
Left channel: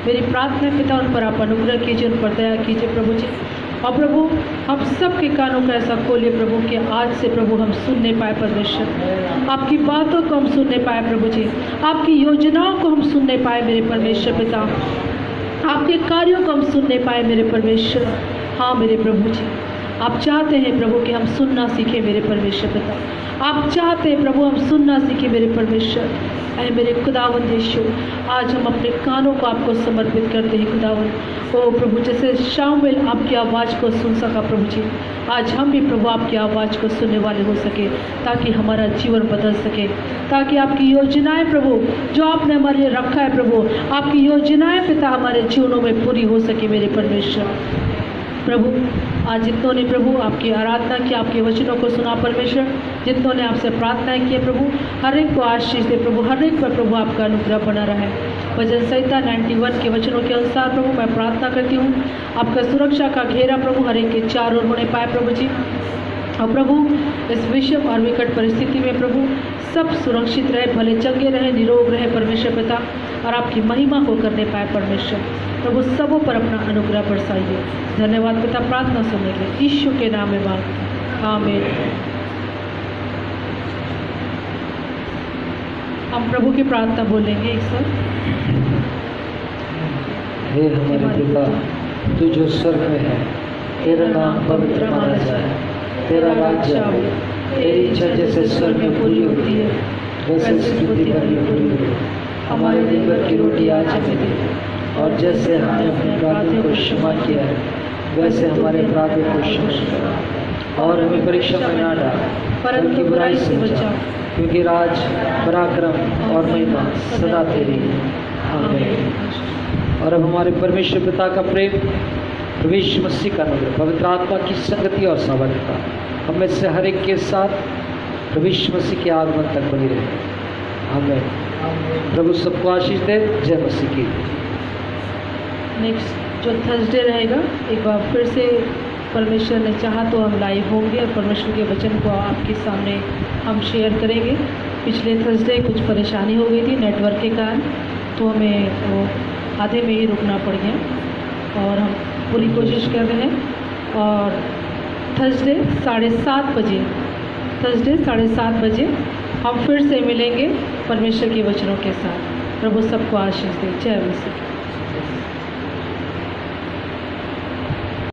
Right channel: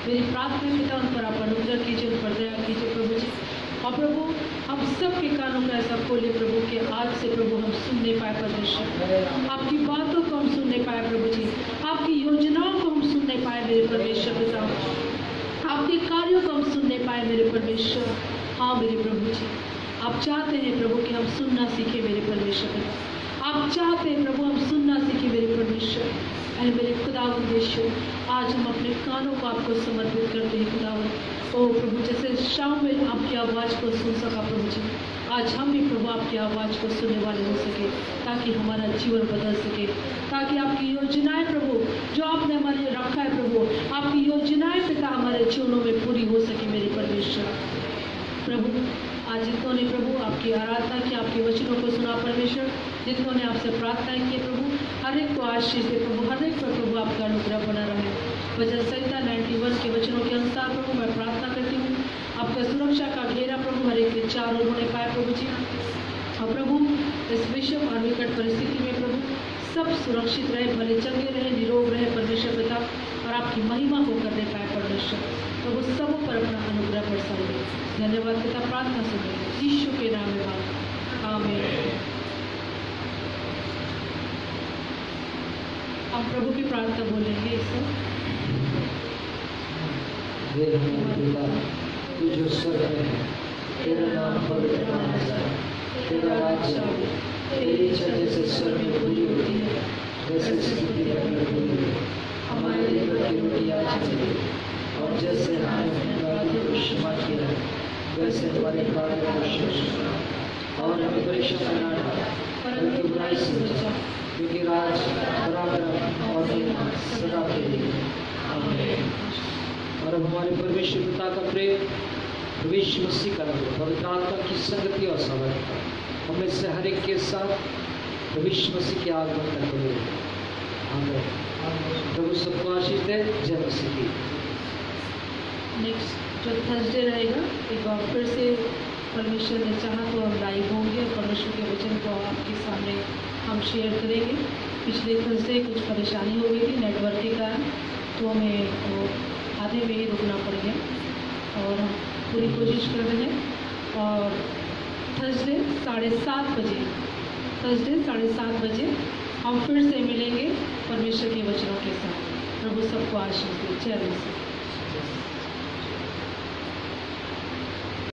मेरी प्रार्थना पिता उन पर आप अनुग्रह कीजिए, उन पर दया कीजिए प्रभु जी। और प्रभु हम सब के कानों को ऐसा खोलिए प्रभु कि आज से प्रभु हम सुनने पाए परमेश्वर, आपकी बातों को हम सुनने पाए प्रभु जी, आपकी योजनाओं को हम सुनने पाए मेरे परमेश्वर पिता, आपके कार्यों को हम सुनने पाए मेरे परमेश्वर। हाँ मेरे प्रभु जी, आप चाहते हैं प्रभु कि हम सुनना सीखें मेरे परमेश्वर पिता, आप चाहते हैं प्रभु हम सुनना सीखें मेरे परमेश्वर। अरे मेरे खुदावंद यीशु, आज हम अपने कानों को आपको समर्पित करते हैं खुदावंद। ओ प्रभु, जैसे शामुएल आपकी आवाज़ को सुन सका प्रभु जी, आज हम भी प्रभु आपकी आवाज़ को सुनने वाले हो सके, ताकि हमारा जीवन बदल सके, ताकि आपकी योजनाएं प्रभु जो आपने हमारे लिए रखा है प्रभु, आपकी योजनाएं पिता हमारे जीवनों में पूरी हो सके मेरे परमेश्वर। प्रभु आज जितनों ने प्रभु आपकी आराधना की, आपके वचनों को सुना परमेश्वर, जितनों ने आपसे प्रार्थनाएं की प्रभु, हर एक को आशीष दे प्रभु, हर एक पर प्रभु आपका अनुग्रह बना रहे। भजन संहिता 91 के वचनों के अनुसार प्रभु मैं प्रार्थना करती हूँ, आपका सुरक्षा का घेरा प्रभु हर एक के चारों ओर होने पाए प्रभु जी। और प्रभु इस विषम और विकट परिस्थिति में प्रभु सब सुरक्षित रहे, भले चंगे रहे, निरोग रहे परमेश्वर पिता, और आपकी महिमा को करने पाए परमेश्वर। प्रभु सबों पर अपना अनुग्रह बरसाइए। धन्यवाद पिता, प्रार्थना सुनने के लिए यीशु के नाम में बात, आमीन। हम प्रभु की प्रार्थना बोलेंगे एक साथ। हे हमारे पिता, तू जो स्वर्ग में है, तेरा नाम पवित्र माना जाए, तेरा राज्य आए, तेरी इच्छा जैसे स्वर्ग में पूरी होती है वैसे इस पृथ्वी पर भी पूरी हो। हमारे दिन भर की रोटी आज हमें दे, और जैसे हमने अपने अपराधियों को क्षमा किया है वैसे हमारे अपराधों को क्षमा, और हमें परीक्षा में न डाल परंतु बुराई से बचा, क्योंकि राज, पराक्रम और महिमा सदा तेरी है, आमीन। और अब हमारे परमेश्वर पिता का प्रेम, प्रभु यीशु मसीह का अनुग्रह, पवित्र आत्मा की संगति और सावधानता हमें से हर एक के साथ प्रभु यीशु मसीह के आगमन तक बनी रहे, आमीन। प्रभु सबको आशीष दे। जय मसीह की। नेक्स्ट जो थर्सडे रहेगा, एक बार फिर से परमेश्वर ने चाहा तो हम लाइव होंगे और परमेश्वर के वचन को आपके सामने हम शेयर करेंगे। पिछले थर्सडे कुछ परेशानी हो गई थी नेटवर्क के कारण, तो हमें वो आधे में ही रुकना पड़ गया, और हम पूरी कोशिश कर रहे हैं। और थर्सडे 7:30 बजे हम फिर से मिलेंगे परमेश्वर के वचनों के साथ। प्रभु सबको आशीष दे। जय मसीह।